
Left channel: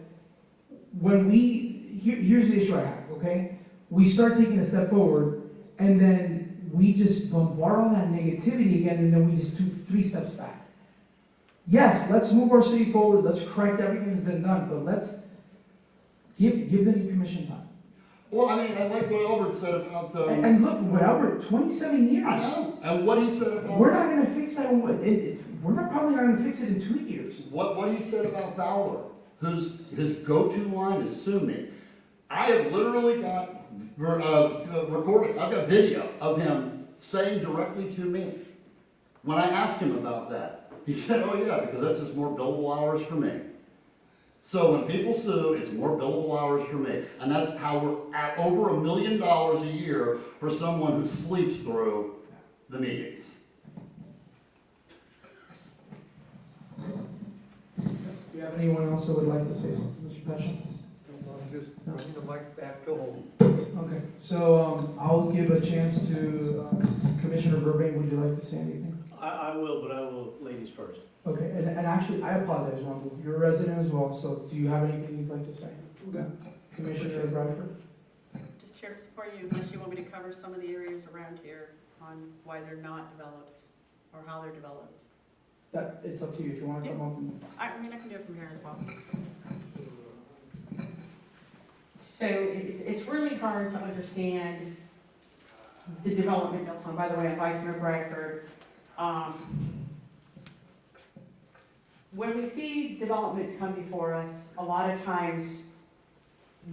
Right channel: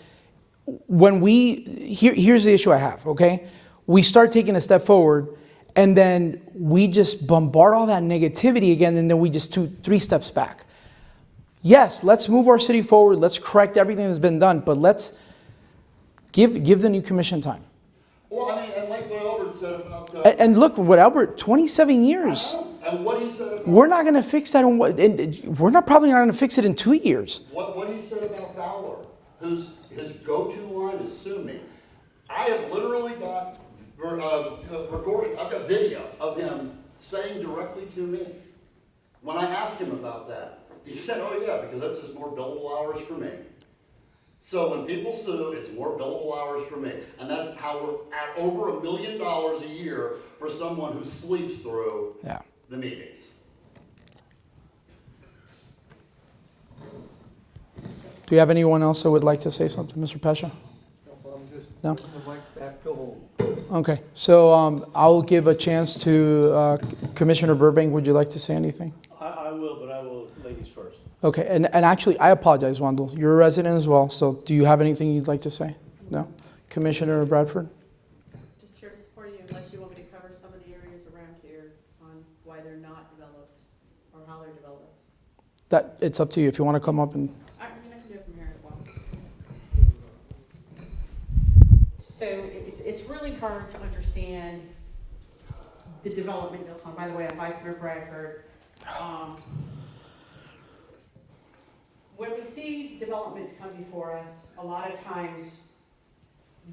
when here's the issue I have, okay? We start taking a step forward, and then we just bombard all that negativity again, and then we just 3 steps back. Yes, let's move our city forward, let's correct everything that's been done, but let's give the new commission time. Well, I like what Albert said about and look, what Albert, 27 years. I know. And what he said about... We're not going to fix that, we're probably not going to fix it in 2 years. What he said about Fowler, his go-to line is sue me. I have literally got recorded, I've got video of him saying directly to me, when I asked him about that, he said, oh yeah, because that's just more billable hours for me. So when people sue, it's more billable hours for me. And that's how we're at over $1 million a year for someone who sleeps through the meetings. Do you have anyone else that would like to say something, Mr. Pesha? No? Would like that to go home. Okay, so I'll give a chance to Commissioner Burbank. Would you like to say anything? I will, but I will ladies first. Okay, and actually, I apologize, Wendell. You're a resident as well, so do you have anything you'd like to say? No? Commissioner Bradford? Just here to why they're not developed, or how they're developed? That, it's up to you if you want to come up and, I mean, I can do it from here as well. So it's really hard to understand the development in Deltona. By the way, I'm Vice Mayor Bradford. When we see developments come before us, a lot of times,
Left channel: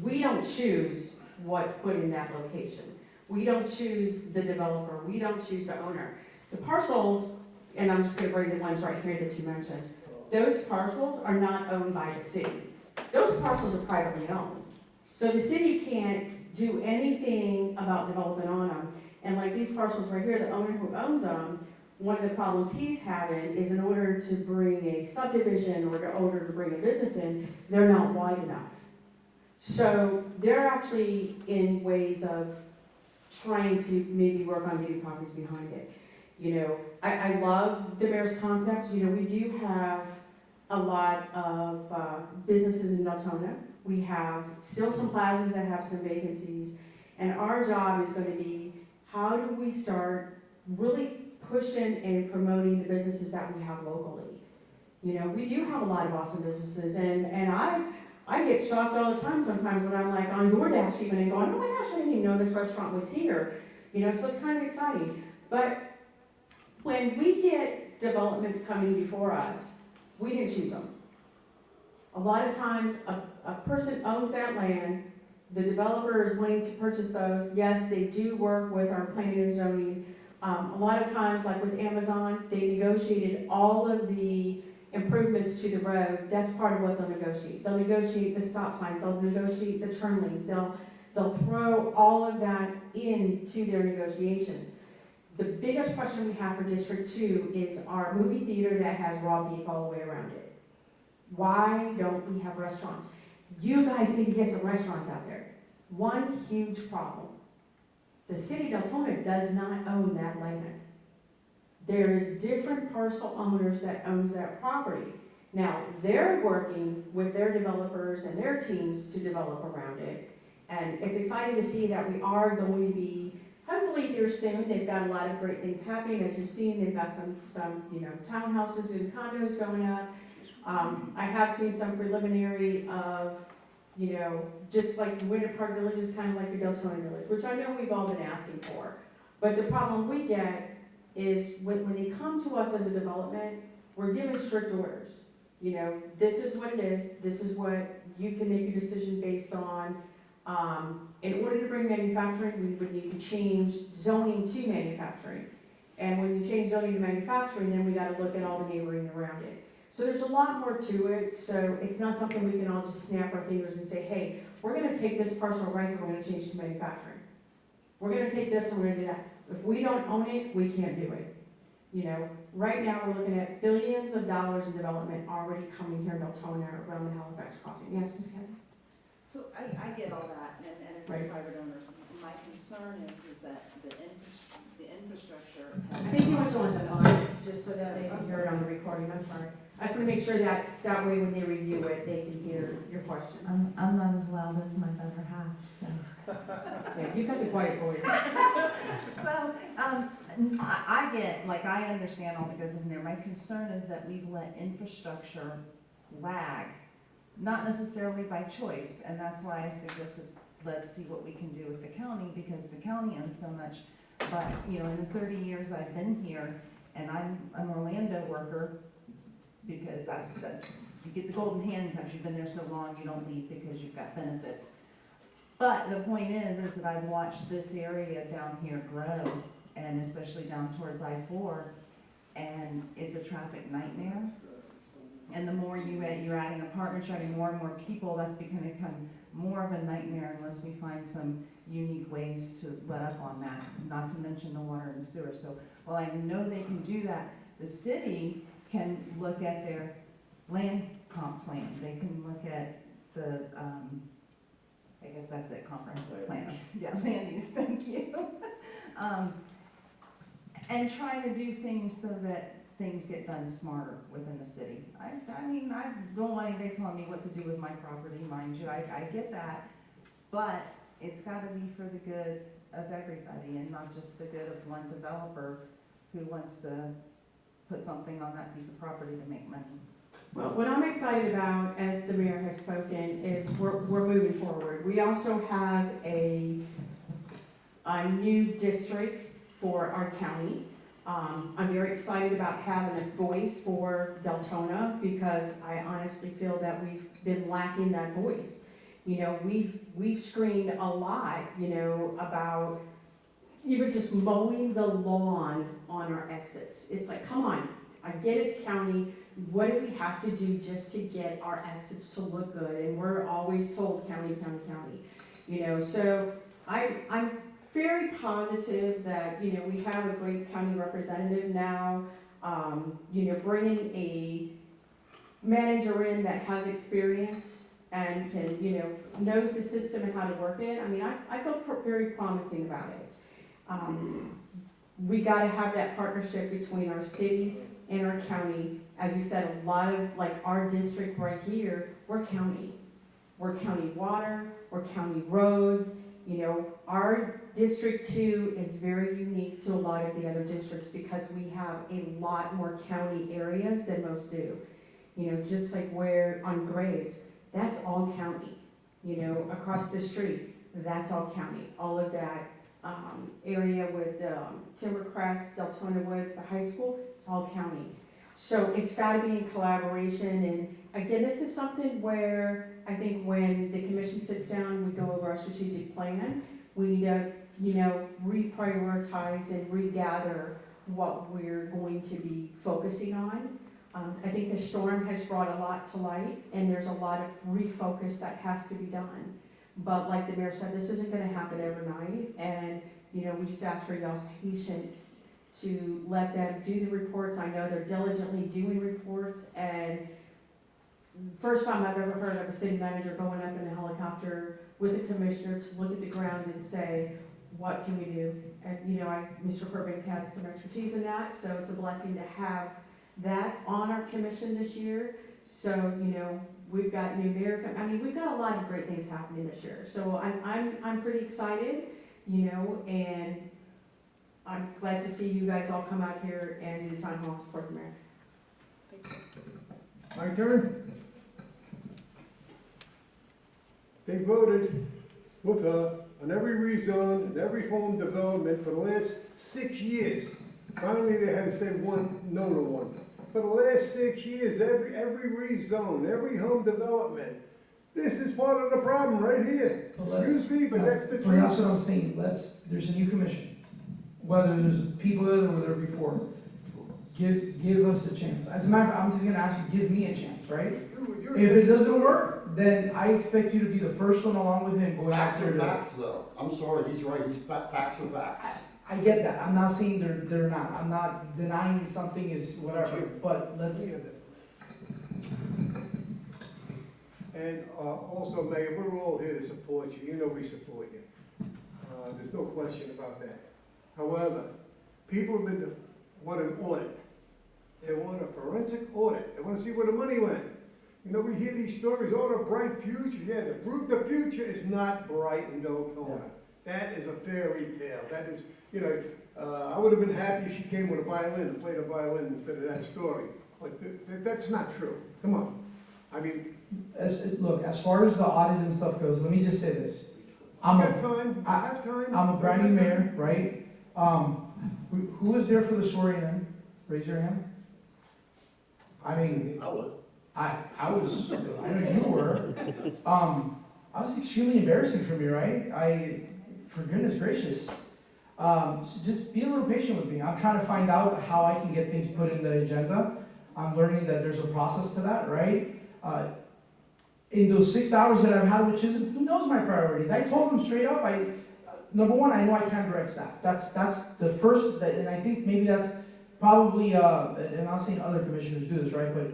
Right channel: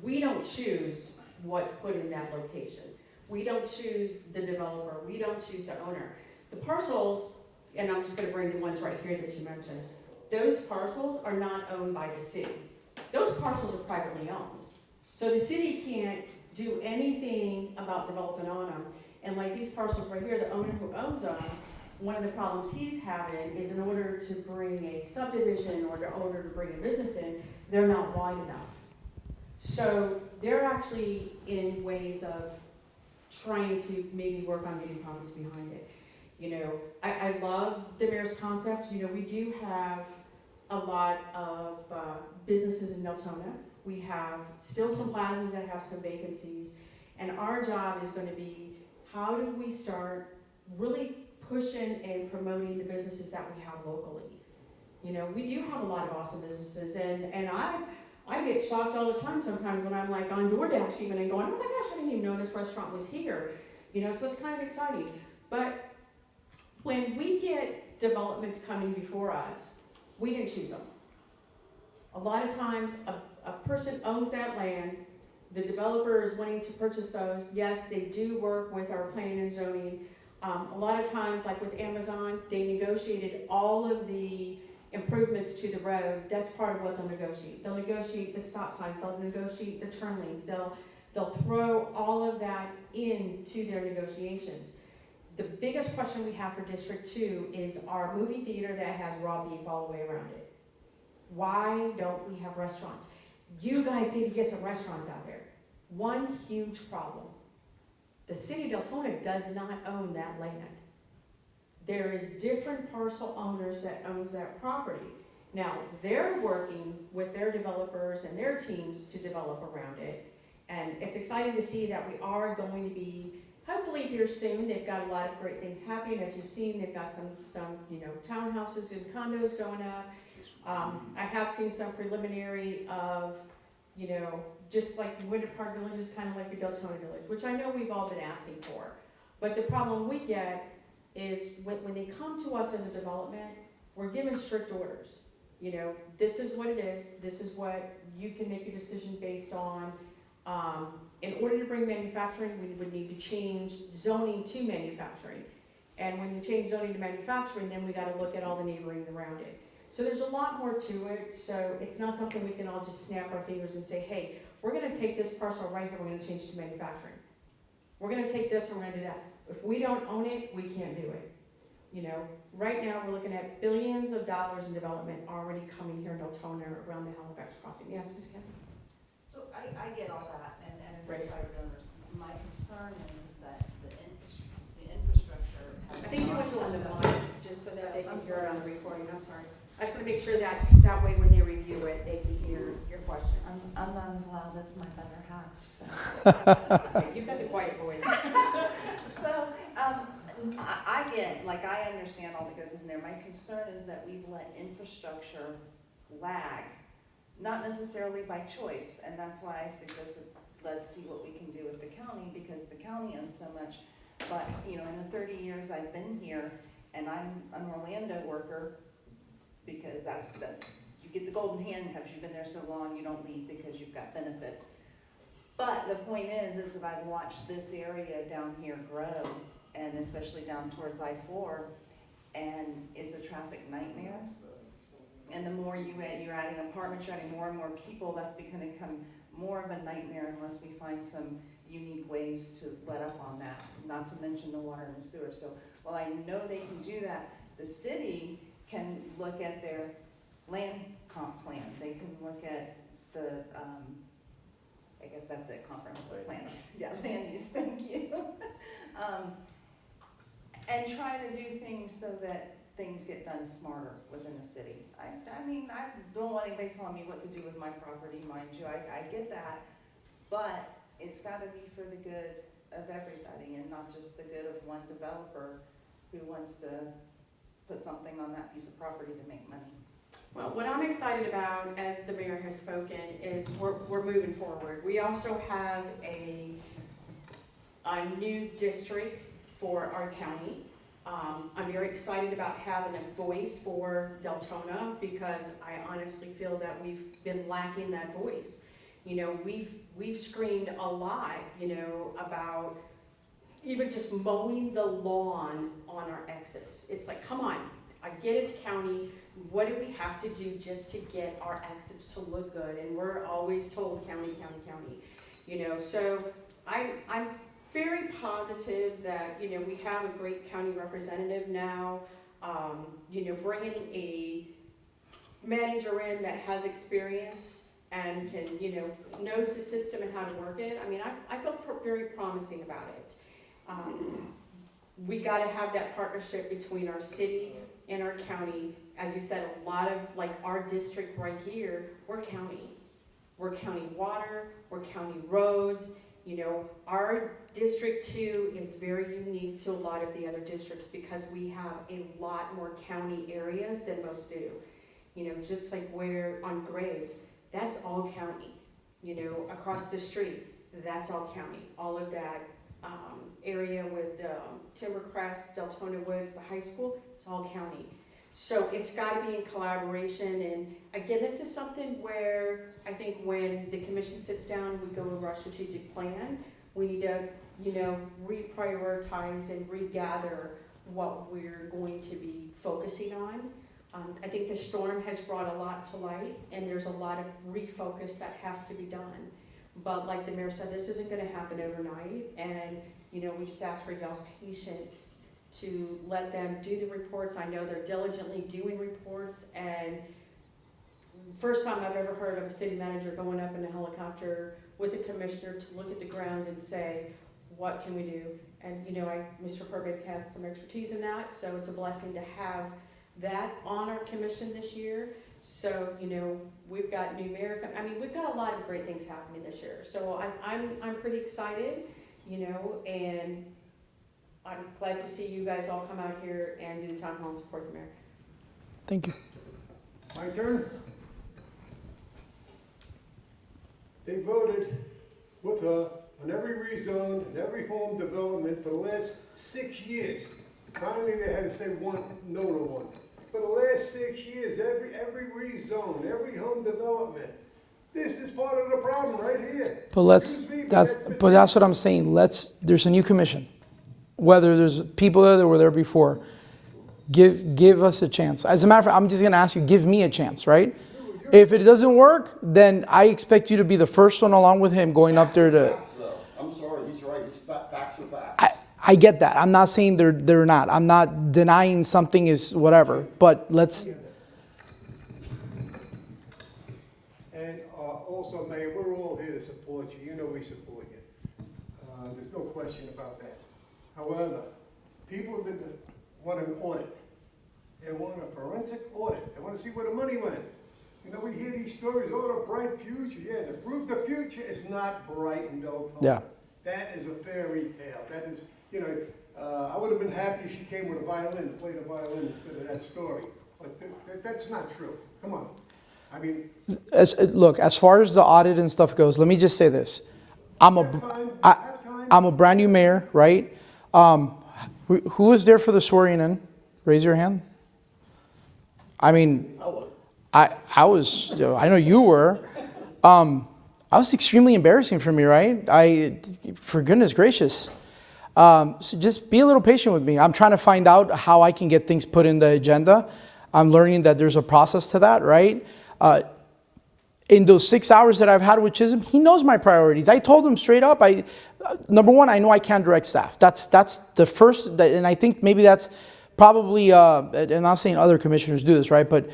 we don't choose what's put in that location. We don't choose the developer, we don't choose the owner. The parcels, and I'm just gonna bring the ones right here that you mentioned, those parcels are not owned by the city. Those parcels are privately owned. So the city can't do anything about developing on them. And like these parcels right here, the owner who owns them, one of the problems he's having is in order to bring a subdivision or in order to bring a business in, they're not wide enough. So they're actually in ways of trying to maybe work on getting properties behind it. You know, I love the mayor's concept. You know, we do have a lot of businesses in Deltona. We have still some plazas that have some vacancies. And our job is going to be, how do we start really pushing and promoting the businesses that we have locally? You know, we do have a lot of awesome businesses, and I get shocked all the time sometimes when I'm like on DoorDash even and going, oh my gosh, I didn't even know this restaurant was here. You know, so it's kind of exciting. But when we get developments coming before us, we didn't choose them. A lot of times a person owns that land, the developer is wanting to purchase those. Yes, they do work with our planning and zoning. A lot of times, like with Amazon, they negotiated all of the improvements to the road. That's part of what they'll negotiate. They'll negotiate the stop signs, they'll negotiate the turn lanes, they'll throw all of that into their negotiations. The biggest question we have for District 2 is our movie theater that has raw beef all the way around it. Why don't we have restaurants? You guys need to get some restaurants out there. One huge problem. The city of Deltona does not own that land. There is different parcel owners that owns that property. Now, they're working with their developers and their teams to develop around it. And it's exciting to see that we are going to be, hopefully here soon, they've got a lot of great things happening. As you've seen, they've got some townhouses and condos going up. I have seen some preliminary of, just like the Winter Park Village is kind of like your Deltona Village, which I know we've all been asking for. But the problem we get is when they come to us as a development, we're given strict orders. This is what it is, this is what you can make a decision based on. In order to bring manufacturing, we would need to change zoning to manufacturing. And when you change zoning to manufacturing, then we gotta look at all the neighboring around it. So there's a lot more to it, so it's not something we can all just snap our fingers and say, hey, we're gonna take this parcel right here, we're gonna change it to manufacturing. We're gonna take this and we're gonna do that. If we don't own it, we can't do it. Right now we're looking at billions of dollars in development already coming here in Deltona around the Halifax crossing. Yes, Ms. Kevin? So I get all that, and it's Right. private owners. My concern is that the infrastructure. I think you went on the line, just so that they can hear it on the recording, I'm sorry. I just want to make sure that way when they review it, they can hear your question. I'm not as loud as my better half, so. Yeah, you've got the quiet voice. So, I get, like, I understand all that goes in there. My concern is that we've let infrastructure lag, not necessarily by choice, and that's why I suggested, let's see what we can do with the county, because the county owns so much. But, in the 30 years I've been here, and I'm an Orlando worker, because you get the golden handcuffs, you've been there so long, you don't leave because you've got benefits. But the point is that I've watched this area down here grow, and especially down towards I-4, and it's a traffic nightmare. And the more you're adding apartments, you're adding more and more people, that's going to become more of a nightmare unless we find some unique ways to let up on that, not to mention the water and sewer. So while I know they can do that, the city can look at their land comp plan. They can look at the, I guess that's it, comprehensive plan. Yeah, land use, thank you. And try to do things so that things get done smarter within the city. I mean, I don't want anybody telling me what to do with my property, mind you, I get that. But it's gotta be for the good of everybody and not just the good of one developer who wants to put something on that piece of property to make money. Well, what I'm excited about, as the mayor has spoken, is we're moving forward. We also have a new district for our county. I'm very excited about having a voice for Deltona because I honestly feel that we've been lacking that voice. You know, we've screamed a lot, you know, about even just mowing the lawn on our exits. It's like, come on, I get it's county. What do we have to do just to get our exits to look good? And we're always told county, county, county. You know, so I'm very positive that, you know, we have a great county representative now. You know, bringing a manager in that has experience and can, you know, knows the system and how to work it. I mean, I feel very promising about it. We got to have that partnership between our city and our county. As you said, a lot of, like our district right here, we're county. We're county water, we're county roads. You know, our District 2 is very unique to a lot of the other districts because we have a lot more county areas than most do. You know, just like where on Graves, that's all county. You know, across the street, that's all county. All of that area with Timbercrest, Deltona Woods, the high school, it's all county. So it's got to be in collaboration. And again, this is something where I think when the commission sits down, we go over our strategic plan. We need to, you know, reprioritize and regather what we're going to be focusing on. I think the storm has brought a lot to light, and there's a lot of refocus that has to be done. But like the mayor said, this isn't going to happen overnight, and you know, we just ask for y'all's patience to let them do the reports. I know they're diligently doing reports, and first time I've ever heard of a city manager going up in a helicopter with a commissioner to look at the ground and say, what can we do? And you know, Mr. Burbank has some expertise in that, so it's a blessing to have that on our commission this year. So, you know, we've got new mayor, I mean, we've got a lot of great things happening this year. So I'm pretty excited, you know, and I'm glad to see you guys all come out here and do town hall and support the mayor. Thank you. My turn. They voted with her on every rezone and every home development for the last 6 years. Finally, they had to say no to one. For the last 6 years, every rezone, every home development, this is part of the problem right here. But that's what I'm saying. There's a new commission. Whether there's people that were there before, give us a chance. As a matter of fact, I'm just gonna ask you, give me a chance, right? If it doesn't work, then I expect you to be the first one along with him going up there to. Facts, though. I'm sorry, he's right, facts are facts. I get that. I'm not saying they're not. I'm not denying something is whatever. But let's. And also, Mayor, we're all here to support you. You know we support you. There's no question about that. However, people want an audit. They want a forensic audit. They want to see where the money went. You know, we hear these stories, oh, the bright future. Yeah, the proof the future is not bright and Deltona. Yeah. That is a fairy tale. That is, you know, I would have been happy if she came with a violin, played a violin instead of that story. But that's not true. Come on. I mean. Look, as far as the audit and stuff goes, let me just say this. I'm a brand new mayor, right? Who was there for the swearing in? Raise your hand. I mean, I was, I know you were. I was extremely embarrassing for me, right? For goodness gracious. So just be a little patient with me. I'm trying to find out how I can get things put in the agenda. I'm learning that there's a process to that, right? In those 6 hours that I've had with Chisholm, he knows my priorities. I told him straight up, number one, I know I can't direct staff. That's the first, and I think maybe that's probably, and I'm not saying other commissioners do this, right? But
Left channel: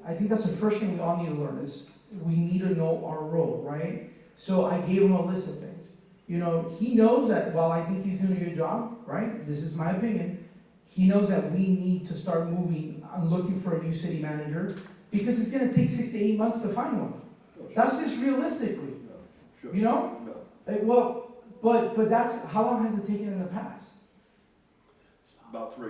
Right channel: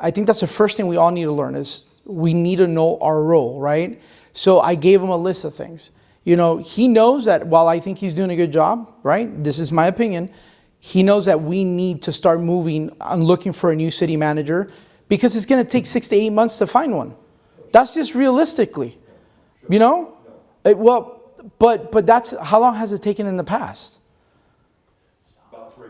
I think that's the first thing we all need to learn is we need to know our role, right? So I gave him a list of things. You know, he knows that while I think he's doing a good job, right? This is my opinion. He knows that we need to start moving on looking for a new city manager because it's going to take 6 to 8 months to find one. That's just realistically, you know? Well, but that's, how long has it taken in the past? About 3.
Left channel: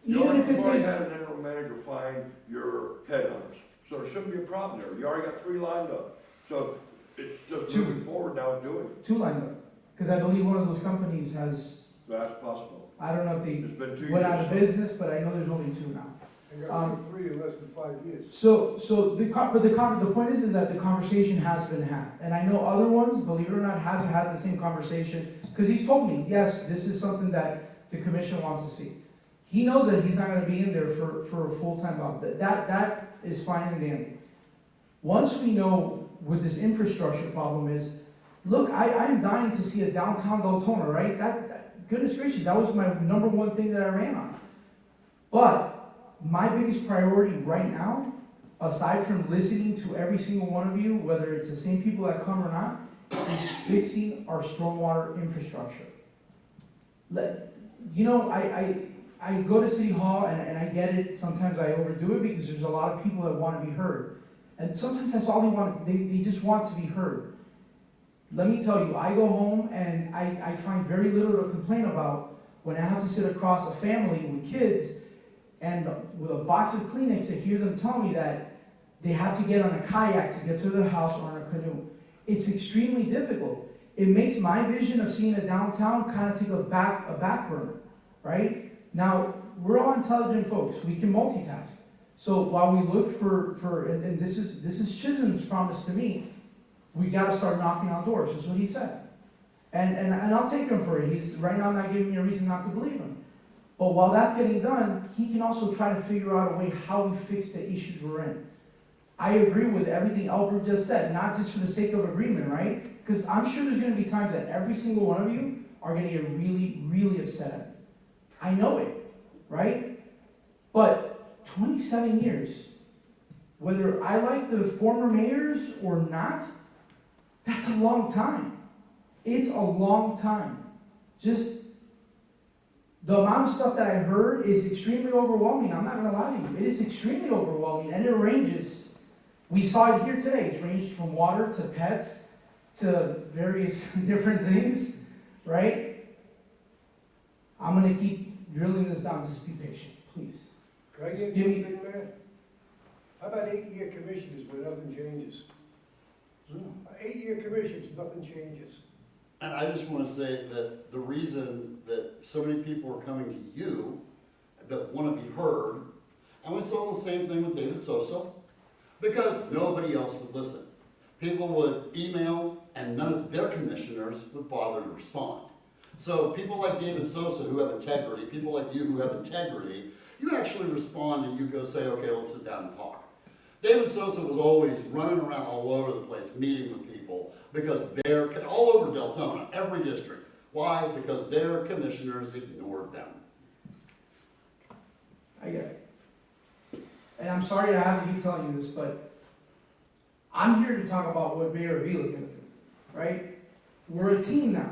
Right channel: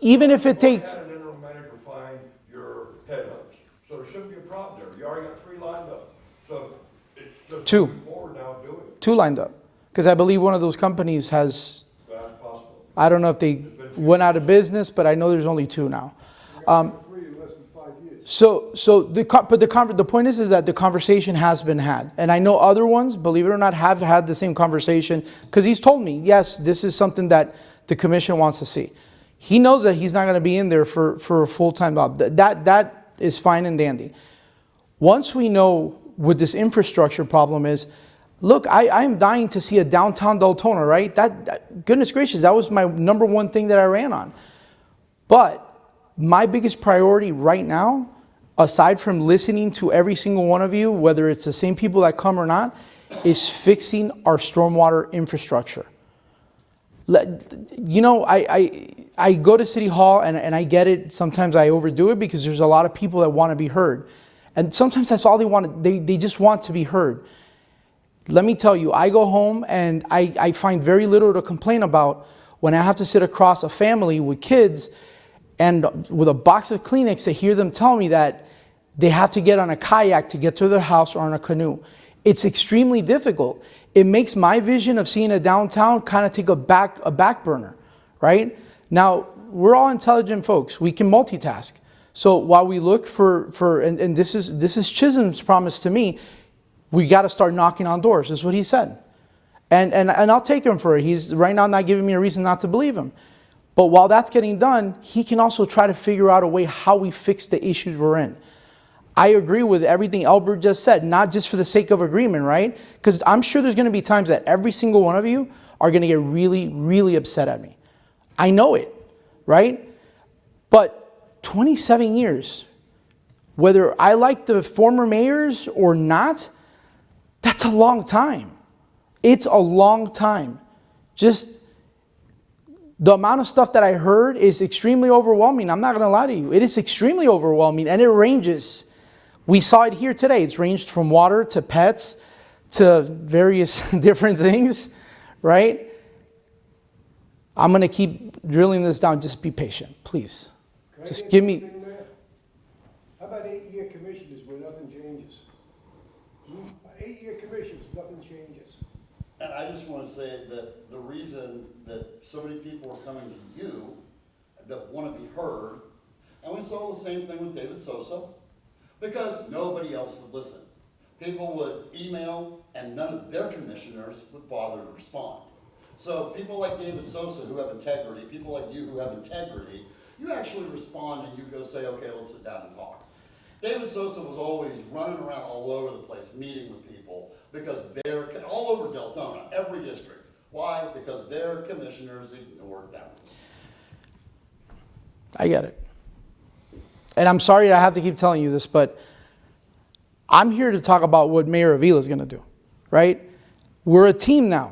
Even if it You've already takes, had an interim manager find your headhunters, so there shouldn't be a problem there. You already got 3 lined up. So it's just 2. moving forward now doing it. 2 lined up. Because I believe one of those companies has, That's possible. I don't know if they There's been 2 went out of years. business, but I know there's only 2 now. You got 3 in less than 5 years. So the point is that the conversation has been had, and I know other ones, believe it or not, have had the same conversation, because he's told me, yes, this is something that the commission wants to see. He knows that he's not going to be in there for a full-time job. That is fine and dandy. Once we know what this infrastructure problem is, look, I'm dying to see a downtown Deltona, right? Goodness gracious, that was my number 1 thing that I ran on. But my biggest priority right now, aside from listening to every single one of you, whether it's the same people that come or not, is fixing our stormwater infrastructure. You know, I go to City Hall and I get it. Sometimes I overdo it because there's a lot of people that want to be heard. And sometimes that's all they want. They just want to be heard. Let me tell you, I go home and I find very little to complain about when I have to sit across a family with kids and with a box of Kleenex to hear them tell me that they have to get on a kayak to get to their house or on a canoe. It's extremely difficult. It makes my vision of seeing a downtown kind of take a back burner, right? Now, we're all intelligent folks. We can multitask. So while we look and this is Chisholm's promise to me, we got to start knocking on doors. That's what he said. And I'll take him for it. He's right now not giving me a reason not to believe him. But while that's getting done, he can also try to figure out a way how we fix the issues we're in. I agree with everything Albert just said, not just for the sake of agreement, right? Because I'm sure there's going to be times that every single one of you are going to get really, really upset at me. I know it, right? But 27 years, whether I like the former mayors or not, that's a long time. It's a long time. Just the amount of stuff that I heard is extremely overwhelming. I'm not going to lie to you. It is extremely overwhelming, and it ranges. We saw it here today. It's ranged from water to pets to various different things, right? I'm going to keep drilling this down. Just be patient, please. Can I Just get give me... something there? How about 8-year commissioners where nothing changes? 8-year commissions, nothing changes. And I just want to say that the reason that so many people are coming to you that want to be heard, and we saw the same thing with David Sosa, because nobody else would listen. People would email and none of their commissioners would bother to respond. So people like David Sosa who have integrity, people like you who have integrity, you actually respond and you go say, okay, let's sit down and talk. David Sosa was always running around all over the place, meeting with people, because they're all over Deltona, every district. Why? Because their commissioners ignored them. I get it. And I'm sorry I have to keep telling you this, but I'm here to talk about what Mayor Avila is going to do, right? We're a team now.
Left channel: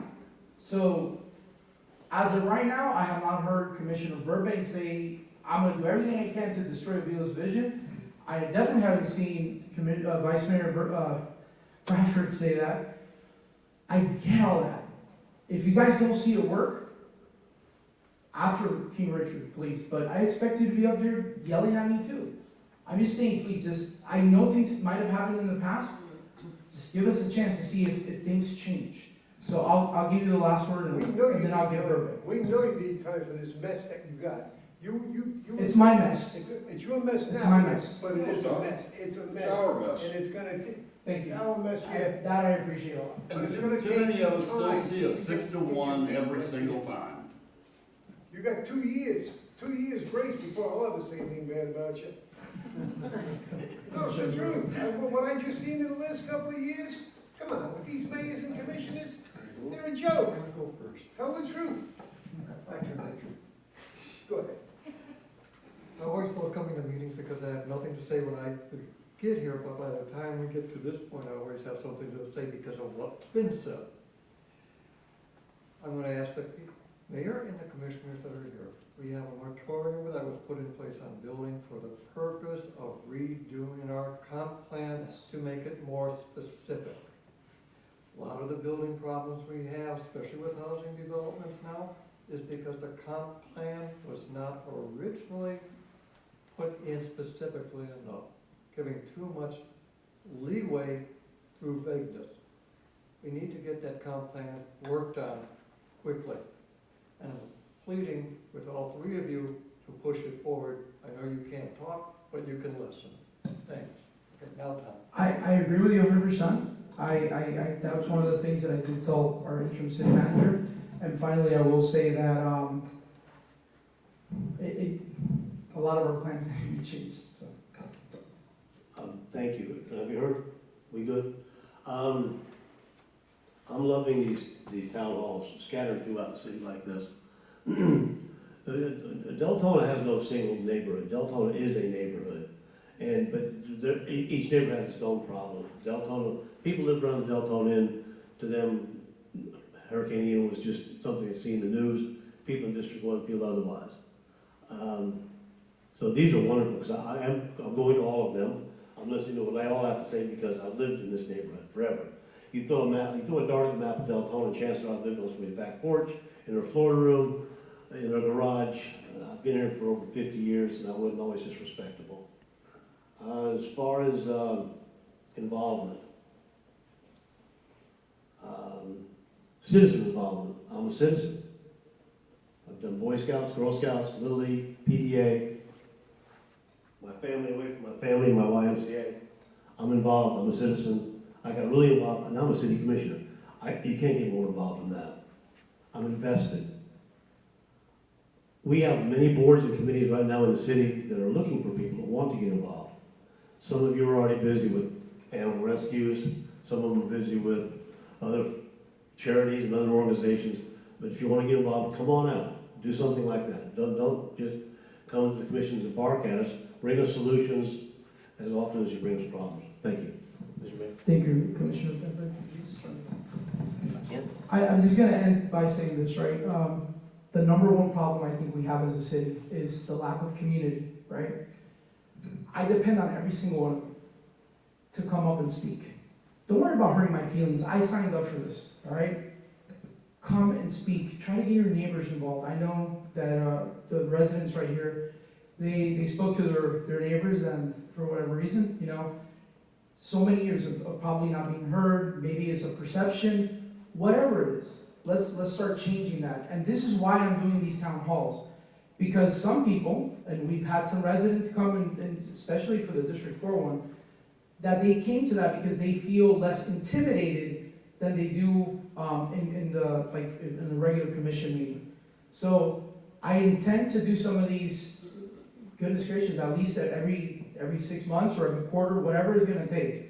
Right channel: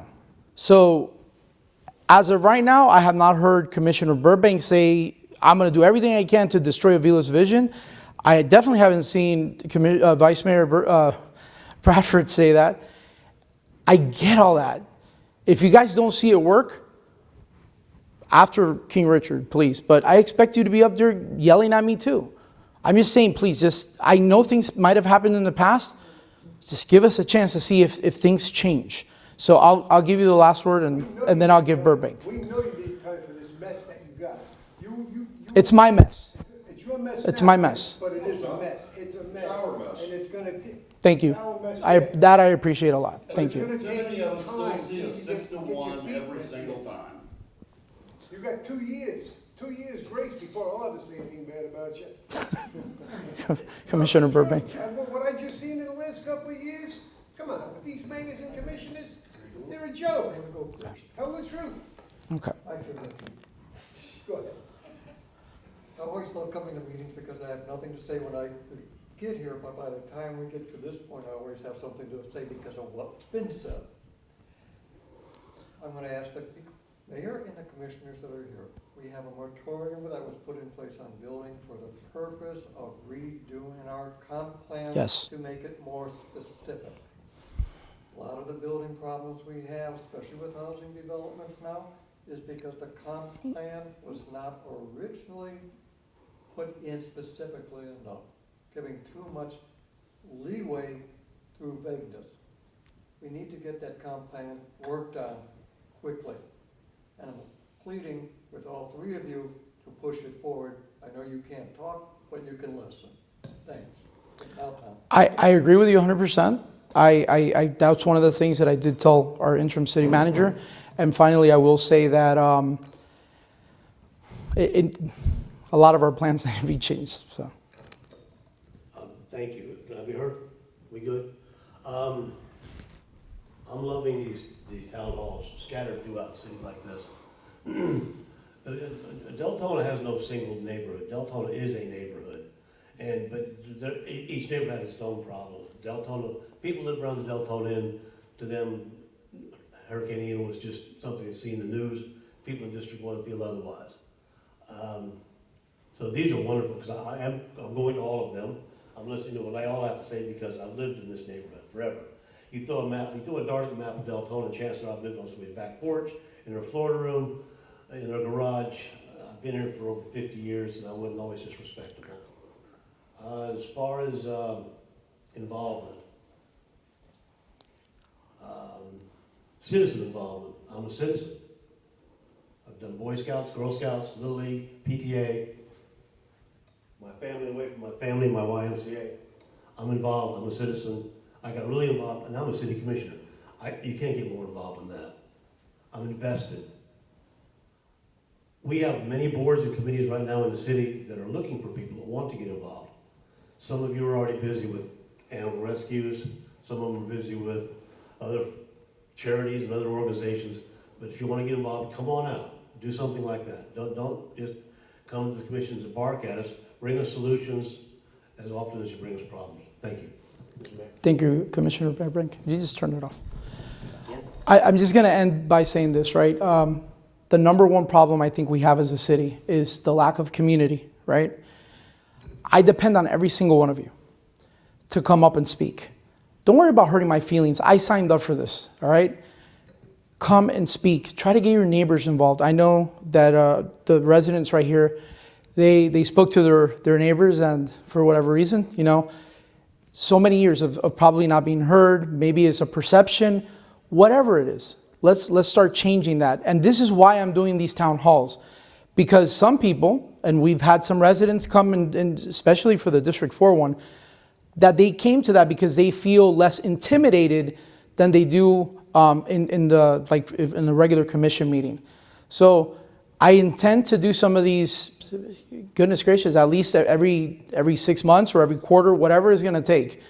So as of right now, I have not heard Commissioner Burbank say, I'm going to do everything I can to destroy Avila's vision. I definitely haven't seen Vice Mayor Bradford say that. I get all that. If you guys don't see it work, after King Richard, please. But I expect you to be up there yelling at me too. I'm just saying, please, I know things might have happened in the past. Just give us a chance to see if things change. So I'll give you the last word and then I'll give Burbank. We know you need time for this mess that you got. It's my mess. It's your mess. It's now, my mess. But it is a mess. It's a mess. It's our mess. And it's gonna. Thank you. It's our mess yet. That I appreciate a lot. Thank And you. the city of us still see a 6-1 every single time. You got 2 years. 2 years grace before I'll ever say anything bad about you. Commissioner Burbank. What I just seen in the last couple of years, come on, with these mayors and commissioners, they're a joke. Tell the truth. Okay. I can, Go ahead. I always love coming to meetings because I have nothing to say when I get here, but by the time we get to this point, I always have something to say because of what's been said. I'm gonna ask the mayor and the commissioners that are here. We have a moratorium that was put in place on building for the purpose of redoing our comp plan Yes. to make it more specific. A lot of the especially with housing developments now, is because the comp plan was not originally put in specifically enough, giving too much leeway through vagueness. We need to get that comp plan worked on quickly. And I'm pleading with all three of you to push it forward. I know you can't talk, but you can listen. Thanks. Now, Tom. I agree with you 100%. That's one of the things that I did tell our interim city manager. And finally, I will say that a lot of our plans need to be changed. So. Thank you. Can I be heard? We good? I'm loving these town halls scattered throughout the city like this. Deltona has no single neighborhood. Deltona is a neighborhood. But each neighborhood has its own problem. Deltona, people that run Deltona in, to them, Hurricane Ian was just something that's seen in the news. People in District 1 feel otherwise. So these are wonderful, because I'm going to all of them. I'm listening to what they all have to say because I've lived in this neighborhood forever. You throw a dart at the map of Deltona, chances are I've lived on somebody's back porch, in her Florida room, in her garage. I've been here for over 50 years, and I wasn't always this respectable. As far as involvement, citizen involvement, I'm a citizen. I've done Boy Scouts, Girl Scouts, Little League, PTA, my family away from my family, my YMCA. I'm involved, I'm a citizen. I got really involved, and now I'm a city commissioner. You can't get more involved than that. I'm invested. We have many boards and committees right now in the city that are looking for people that want to get involved. Some of you are already busy with animal rescues, some of them are busy with other charities and other organizations. But if you want to get involved, come on out, do something like that. Don't just come to the commissions and bark at us. Bring us solutions as often as you bring us problems. Thank you. Thank you, Commissioner Brink. You just turned it off. I'm just going to end by saying this, right? The number one problem I think we have as a city is the lack of community, right? I depend on every single one of you to come up and speak. Don't worry about hurting my feelings. I signed up for this, all right? Come and speak. Try to get your neighbors involved. I know that the residents right here, they spoke to their neighbors, and for whatever reason, so many years of probably not being heard, maybe it's a perception, whatever it is. Let's start changing that. And this is why I'm doing these town halls. Because some people, and we've had some residents come, and especially for the District 4 one, that they came to that because they feel less intimidated than they do in the regular commission meeting. So I intend to do some of these, goodness gracious, at least every 6 months or every quarter, whatever it's gonna take.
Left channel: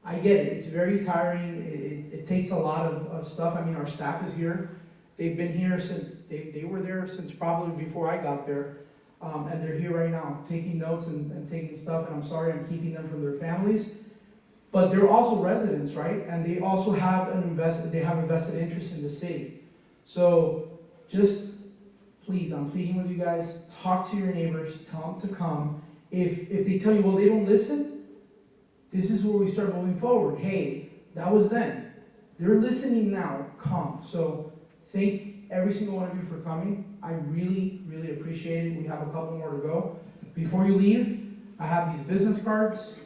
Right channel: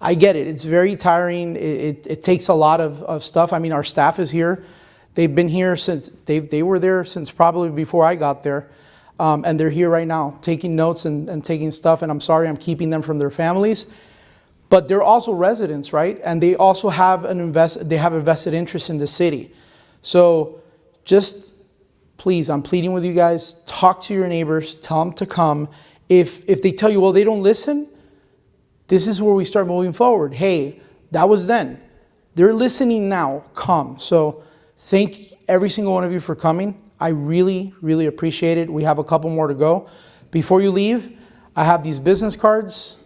I get it, it's very tiring, it takes a lot of stuff. I mean, our staff is here. They've been here since, they were there since probably before I got there. And they're here right now, taking notes and taking stuff, and I'm sorry I'm keeping them from their families. But they're also residents, right? And they also have a vested interest in the city. So just please, I'm pleading with you guys, talk to your neighbors, tell them to come. If they tell you, well, they don't listen, this is where we start moving forward. Hey, that was then. They're listening now, come. So thank every single one of you for coming. I really, really appreciate it. We have a couple more to go. Before you leave, I have these business cards.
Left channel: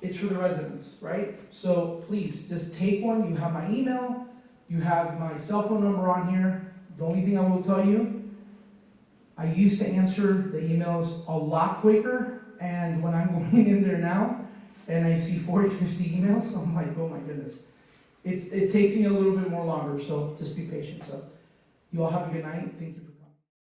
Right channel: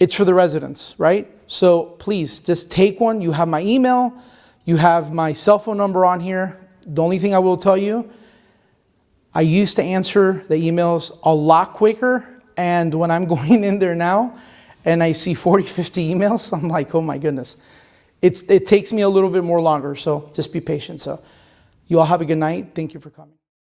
It's for the residents, right? So please, just take one. You have my email. You have my cell phone number on here. The only thing I will tell you, I used to answer the emails a lot quicker. And when I'm going in there now and I see 40, 50 emails, I'm like, oh my goodness. It takes me a little bit more longer, so just be patient. So you all have a good night. Thank you for coming.